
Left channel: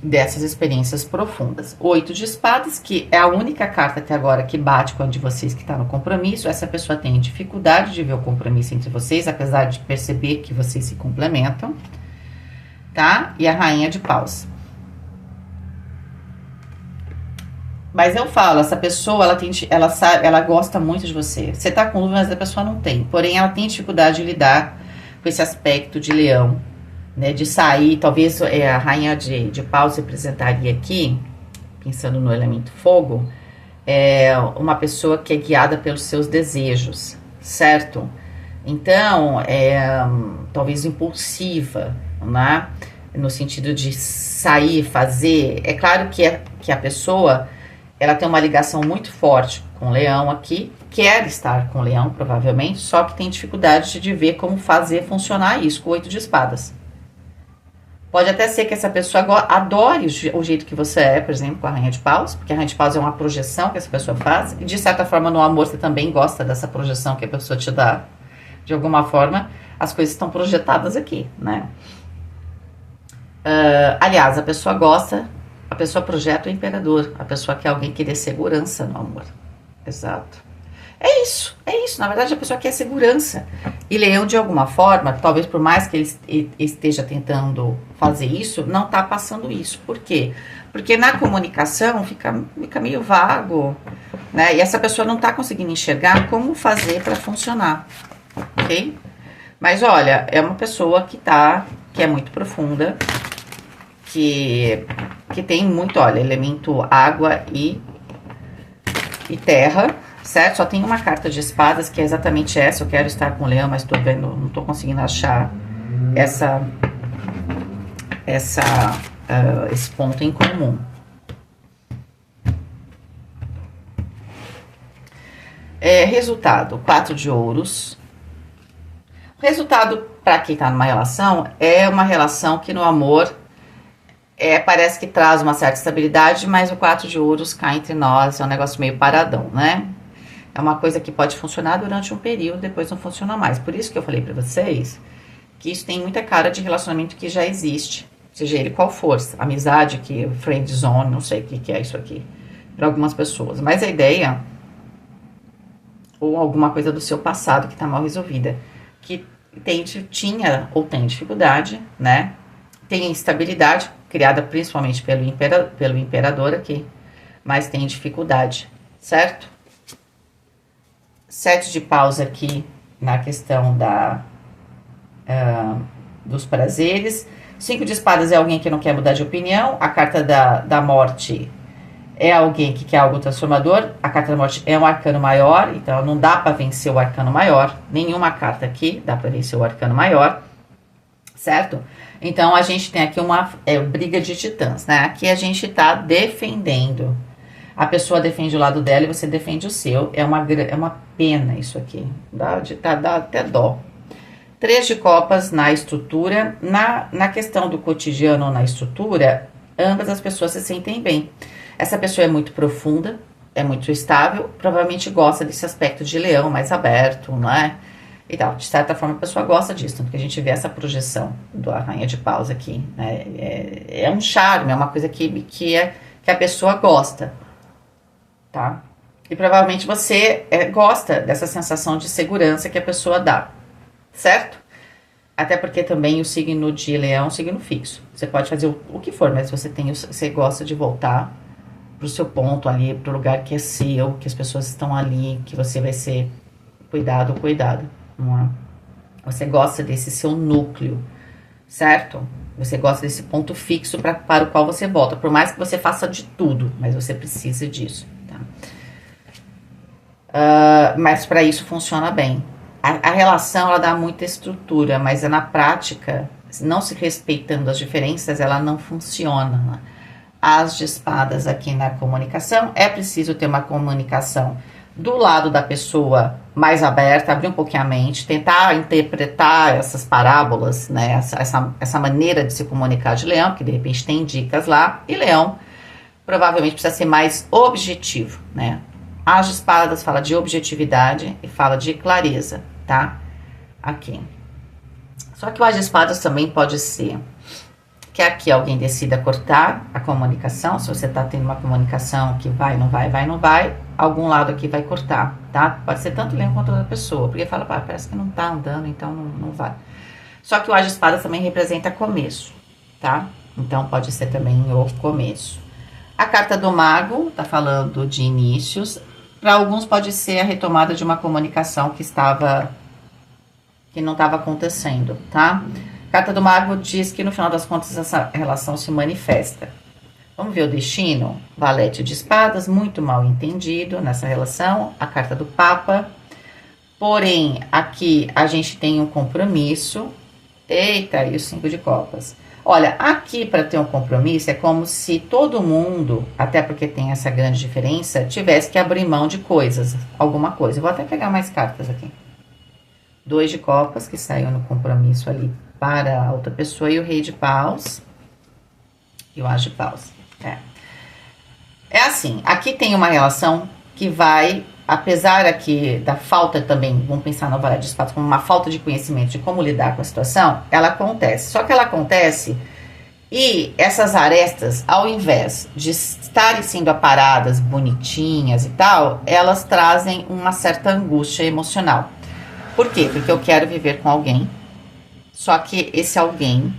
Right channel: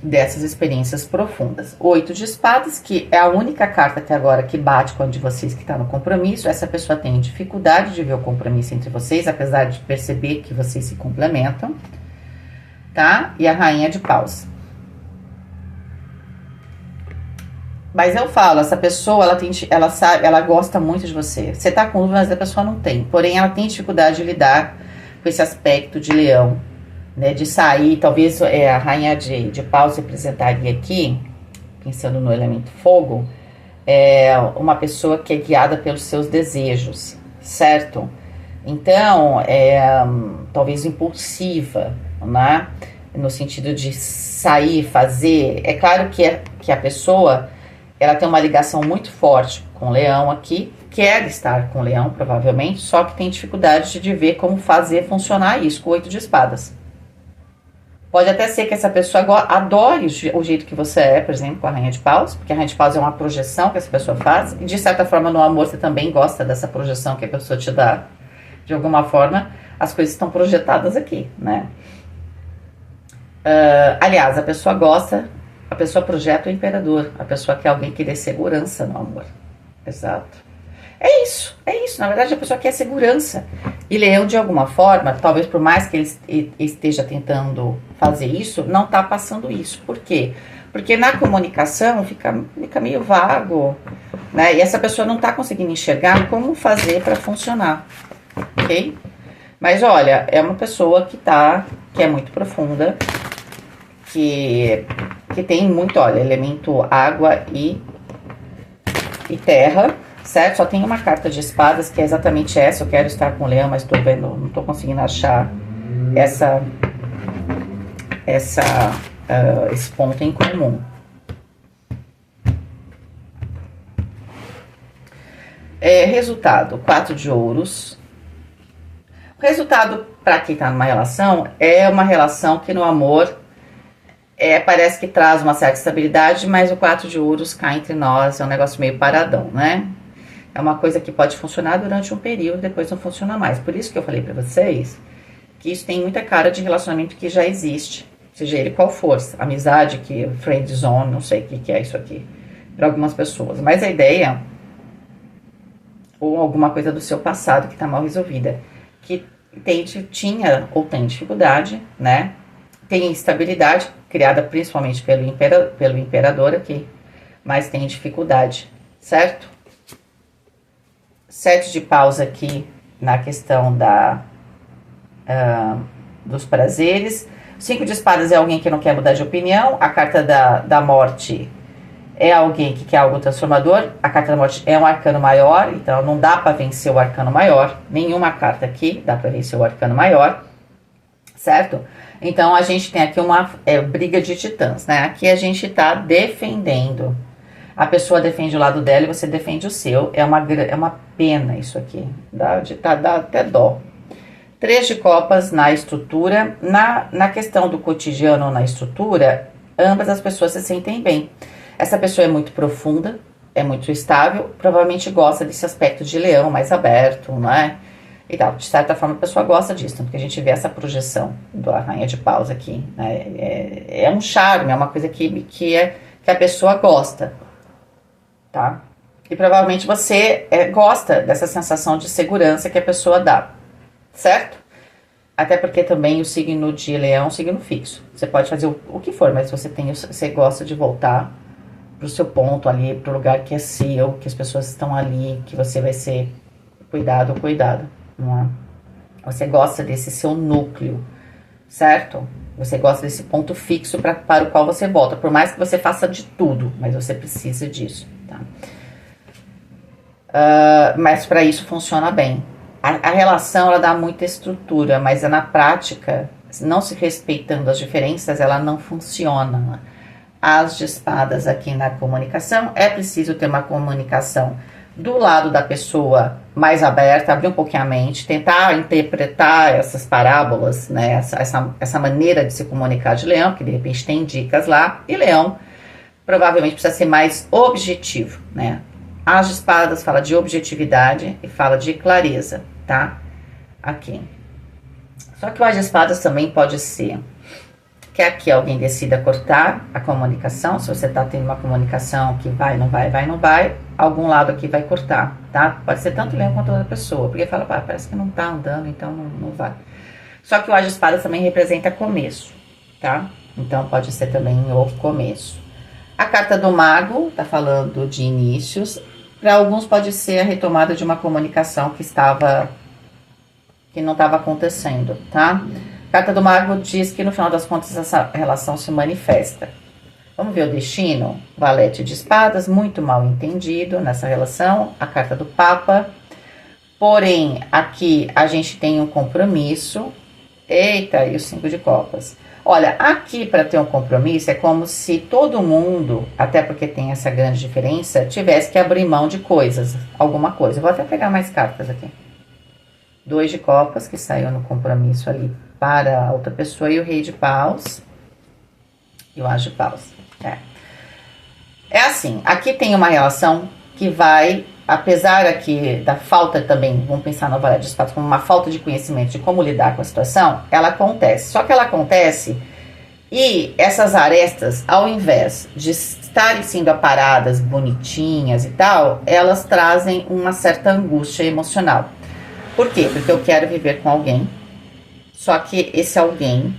dessas experiências profundas. 8 de espadas, que é a única carta até agora que bate com a de vocês que está no compromisso. Essa pessoa tem dificuldade de ver o compromisso entre vocês, apesar de perceber que vocês se complementam, tá? E a rainha de paus. Mas eu falo, essa pessoa, ela gosta muito de você. Você tá com dúvida, mas a pessoa não tem. Porém, ela tem dificuldade de lidar com esse aspecto de leão, né? De sair, talvez a rainha de paus representaria aqui, pensando no elemento fogo, uma pessoa que é guiada pelos seus desejos, certo? Então, talvez impulsiva, né? No sentido de sair, fazer. É claro que a pessoa, ela tem uma ligação muito forte com o leão aqui, quer estar com o leão, provavelmente, só que tem dificuldade de ver como fazer funcionar isso com o 8 de espadas. Pode até ser que essa pessoa adore o jeito que você é, por exemplo, com a rainha de paus, porque a rainha de paus é uma projeção que essa pessoa faz, e de certa forma no amor você também gosta dessa projeção que a pessoa te dá. De alguma forma, as coisas estão projetadas aqui, né? Aliás, a pessoa projeta o imperador, a pessoa quer alguém que dê segurança no amor. Exato. É isso. Na verdade, a pessoa quer segurança. E leão, de alguma forma, talvez por mais que ele esteja tentando fazer isso, não está passando isso. Por quê? Porque na comunicação fica meio vago, né? E essa pessoa não está conseguindo enxergar como fazer para funcionar, ok? Mas olha, é uma pessoa que é muito profunda, que tem muito, olha, elemento água e terra, certo? Só tem uma carta de espadas que é exatamente essa. Eu quero estar com o leão, mas tô vendo, não tô conseguindo achar esse ponto em comum. Resultado, 4 de ouros. O resultado para quem tá numa relação é uma relação que no amor parece que traz uma certa estabilidade, mas o 4 de ouros cá entre nós é um negócio meio paradão, né? É uma coisa que pode funcionar durante um período, depois não funciona mais. Por isso que eu falei pra vocês que isso tem muita cara de relacionamento que já existe, seja ele qual for, amizade, friend zone, não sei o que é isso aqui, para algumas pessoas. Mas a ideia, ou alguma coisa do seu passado que tá mal resolvida, que tinha ou tem dificuldade, né? Tem instabilidade, criada principalmente pelo imperador aqui, mas tem dificuldade, certo? 7 de paus aqui na questão dos prazeres. 5 de espadas é alguém que não quer mudar de opinião. A carta da morte é alguém que quer algo transformador. A carta da morte é um arcano maior, então não dá para vencer o arcano maior. Nenhuma carta aqui dá para vencer o arcano maior, certo? Então a gente tem aqui uma briga de titãs, né? Aqui a gente tá defendendo. A pessoa defende o lado dela e você defende o seu. É uma pena isso aqui. Dá até dó. 3 de copas na estrutura. Na questão do cotidiano, na estrutura, ambas as pessoas se sentem bem. Essa pessoa é muito profunda, é muito estável, provavelmente gosta desse aspecto de leão mais aberto, não é? E tal. De certa forma, a pessoa gosta disso, tanto que a gente vê essa projeção da rainha de paus aqui, né? É um charme, é uma coisa que a pessoa gosta, tá? E provavelmente você gosta dessa sensação de segurança que a pessoa dá, certo? Até porque também o signo de leão é um signo fixo. Você pode fazer o que for, mas você gosta de voltar pro seu ponto ali, pro lugar que é seu, que as pessoas estão ali, que você vai ser cuidado, não é? Você gosta desse seu núcleo, certo? Você gosta desse ponto fixo para o qual você volta, por mais que você faça de tudo, mas você precisa disso, tá? Mas para isso funciona bem. A relação, ela dá muita estrutura, mas na prática, não se respeitando as diferenças, ela não funciona, né? As de espadas aqui na comunicação, é preciso ter uma comunicação do lado da pessoa mais aberta, abrir um pouquinho a mente, tentar interpretar essas parábolas, né? Essa maneira de se comunicar de leão, que de repente tem dicas lá, e leão provavelmente precisa ser mais objetivo, né? As de espadas fala de objetividade e fala de clareza, tá? Aqui. Só que o as de espadas também pode ser que aqui alguém decida cortar a comunicação. Se você tá tendo uma comunicação que vai, não vai, algum lado aqui vai cortar, tá? Pode ser tanto leão quanto outra pessoa, porque fala, parece que não tá andando, então não vai. Só que o as de espadas também representa começo, tá? Então pode ser também o começo. A carta do mago tá falando de inícios. Para alguns pode ser a retomada de uma comunicação que não estava acontecendo, tá? A carta do mago diz que no final das contas essa relação se manifesta. Vamos ver o destino? Valete de espadas, muito mal entendido nessa relação. A carta do papa. Porém, aqui a gente tem um compromisso. Eita, e o 5 de copas. Olha, aqui para ter um compromisso é como se todo mundo, até porque tem essa grande diferença, tivesse que abrir mão de coisas, alguma coisa. Eu vou até pegar mais cartas aqui. 2 de copas, que saiu no compromisso ali para a outra pessoa, e o rei de paus, e o as de paus. É assim, aqui tem uma relação que vai, apesar aqui da falta também, vamos pensar no valete de espadas como uma falta de conhecimento de como lidar com a situação, ela acontece. Só que ela acontece e essas arestas, ao invés de estarem sendo aparadas, bonitinhas e tal, elas trazem uma certa angústia emocional. Por quê? Porque eu quero viver com alguém, só que esse alguém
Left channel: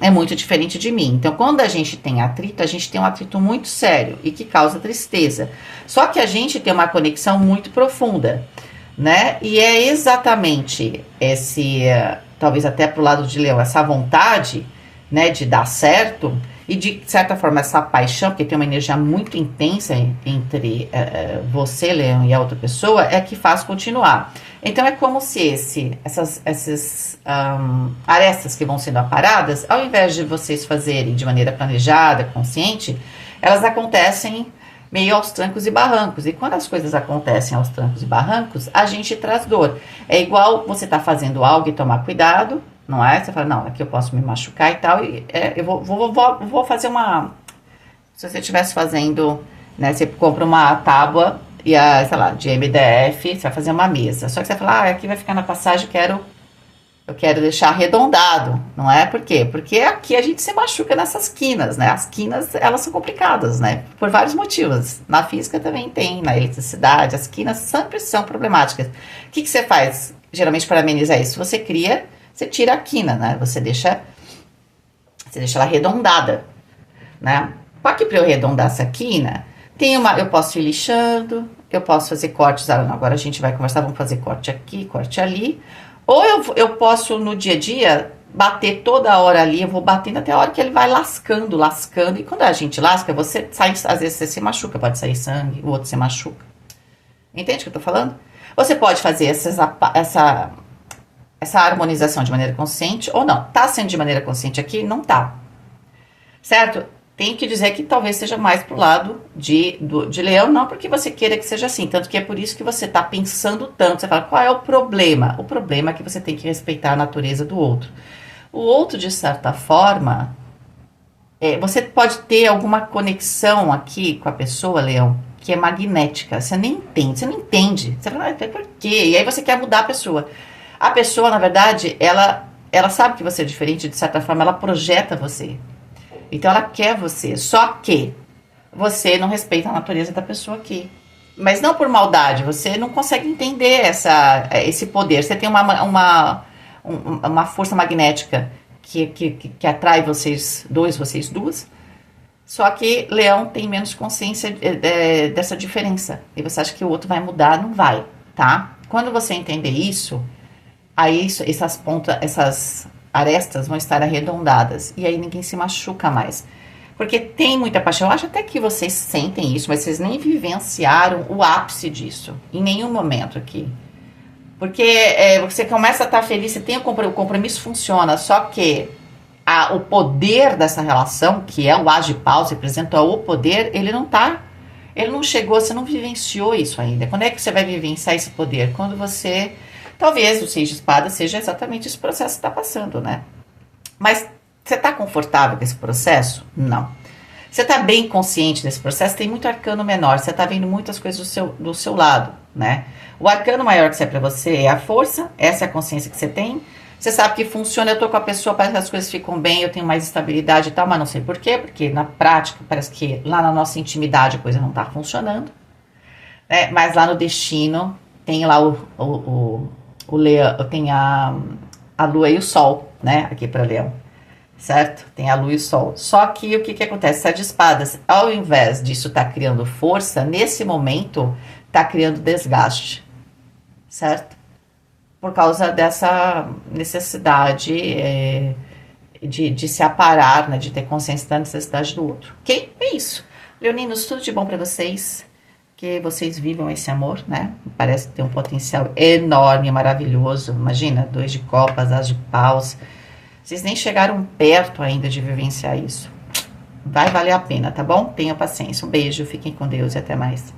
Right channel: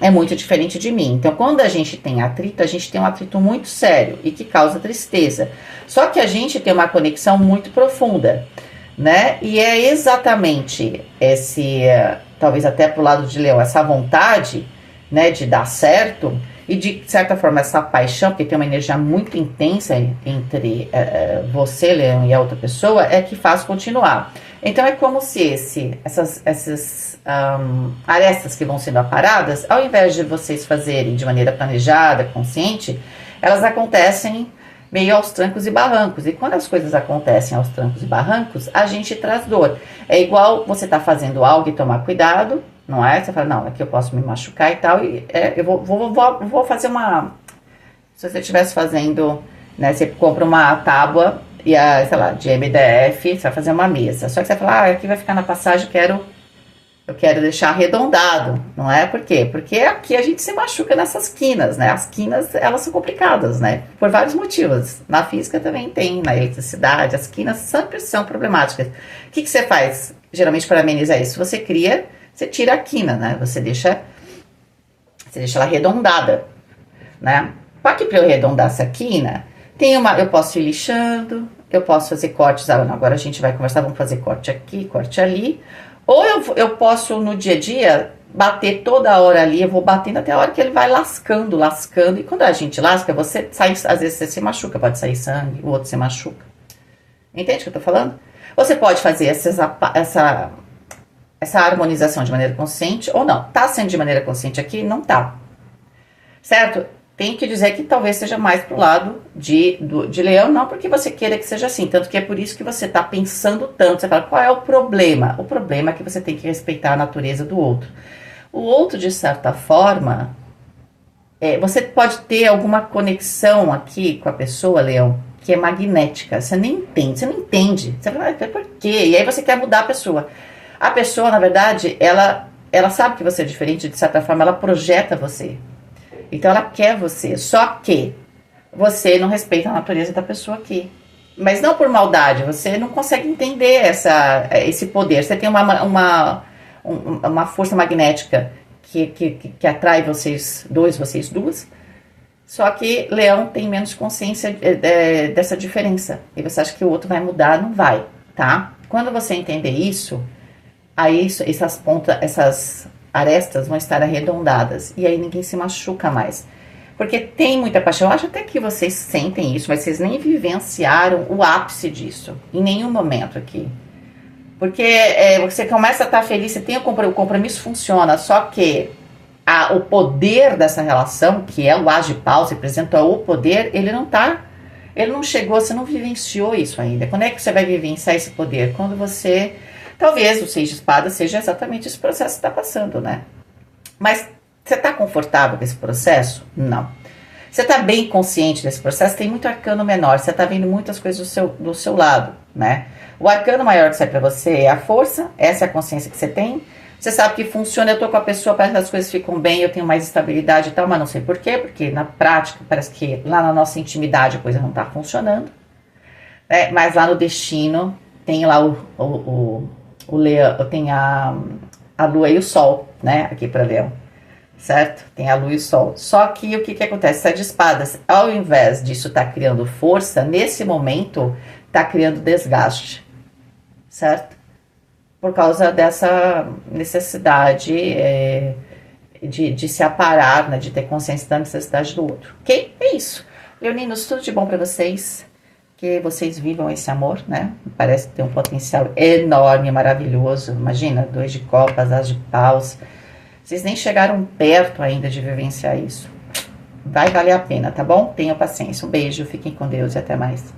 é muito diferente de mim. Então, quando a gente tem um atrito muito sério e que causa tristeza. Só que a gente tem uma conexão muito profunda, né? E é exatamente talvez até pro lado de leão, essa vontade, né, de dar certo e de certa forma essa paixão, porque tem uma energia muito intensa entre você, leão, e a outra pessoa, é que faz continuar. Então é como se essas arestas que vão sendo aparadas, ao invés de vocês fazerem de maneira planejada, consciente, elas acontecem meio aos trancos e barrancos. E quando as coisas acontecem aos trancos e barrancos, a gente traz dor. É igual você tá fazendo algo e tomar cuidado, não é? Você fala, não, aqui eu posso me machucar e tal, e eu vou fazer uma... Se você estivesse fazendo, né, você compra uma tábua e sei lá, de MDF, você vai fazer uma mesa. Só que você fala, aqui vai ficar na passagem, eu quero deixar arredondado, não é? Por quê? Porque aqui a gente se machuca nessas quinas, né? As quinas, elas são complicadas, né? Por vários motivos. Na física também tem, na eletricidade, as quinas sempre são problemáticas. O que você faz, geralmente, para amenizar isso? Você tira a quina, né? Você Você deixa ela arredondada, né? Para que para eu arredondar essa quina, eu posso ir lixando, eu posso fazer cortes. Agora a gente vai conversar, vamos fazer corte aqui, corte ali. Ou eu posso, no dia a dia, bater toda hora ali, eu vou batendo até a hora que ele vai lascando, lascando. E quando a gente lasca, você sai, às vezes você se machuca, pode sair sangue, o outro se machuca. Entende o que eu tô falando? Você pode fazer essa harmonização de maneira consciente ou não. Tá sendo de maneira consciente aqui? Não tá. Certo? Tem que dizer que talvez seja mais pro lado de leão, não porque você queira que seja assim, tanto que é por isso que você tá pensando tanto. Você fala, qual é o problema? O problema é que você tem que respeitar a natureza do outro. O outro, de certa forma, você pode ter alguma conexão aqui com a pessoa, leão, que é magnética. Você nem entende, você não entende. Você fala, por quê? E aí você quer mudar a pessoa. A pessoa, na verdade, ela sabe que você é diferente, de certa forma, ela projeta você. Então ela quer você, só que você não respeita a natureza da pessoa aqui. Mas não por maldade, você não consegue entender esse poder. Você tem uma força magnética que atrai vocês dois, vocês duas. Só que leão tem menos consciência dessa diferença. E você acha que o outro vai mudar, não vai, tá? Quando você entender isso, aí essas arestas vão estar arredondadas. E aí ninguém se machuca mais. Porque tem muita paixão. Eu acho até que vocês sentem isso, mas vocês nem vivenciaram o ápice disso. Em nenhum momento aqui. Porque você começa a estar feliz, você tem o compromisso, funciona. Só que o poder dessa relação, que é o Agipau, representa o poder, ele não chegou, você não vivenciou isso ainda. Quando é que você vai vivenciar esse poder? Quando você... Talvez o 6 de espadas seja exatamente esse processo que está passando, né? Mas você está confortável com esse processo? Não. Você está bem consciente desse processo? Tem muito arcano menor, você está vendo muitas coisas do seu lado, né? O arcano maior que sai para você é a força, essa é a consciência que você tem. Você sabe que funciona, eu tô com a pessoa, parece que as coisas ficam bem, eu tenho mais estabilidade e tal, mas não sei por quê, porque na prática parece que lá na nossa intimidade a coisa não está funcionando. Mas lá no destino tem lá o leão, tem a lua e o sol, né, aqui para leão, certo? Tem a lua e o sol. Só que o que acontece? 7 de espadas, ao invés disso estar criando força, nesse momento está criando desgaste, certo? Por causa dessa necessidade de se aparar, né, de ter consciência da necessidade do outro. Ok? É isso. Leoninos, tudo de bom para vocês. Que vocês vivam esse amor, né? Parece ter um potencial enorme, maravilhoso. Imagina, 2 de copas, as de paus. Vocês nem chegaram perto ainda de vivenciar isso. Vai valer a pena, tá bom? Tenham paciência. Um beijo, fiquem com Deus e até mais.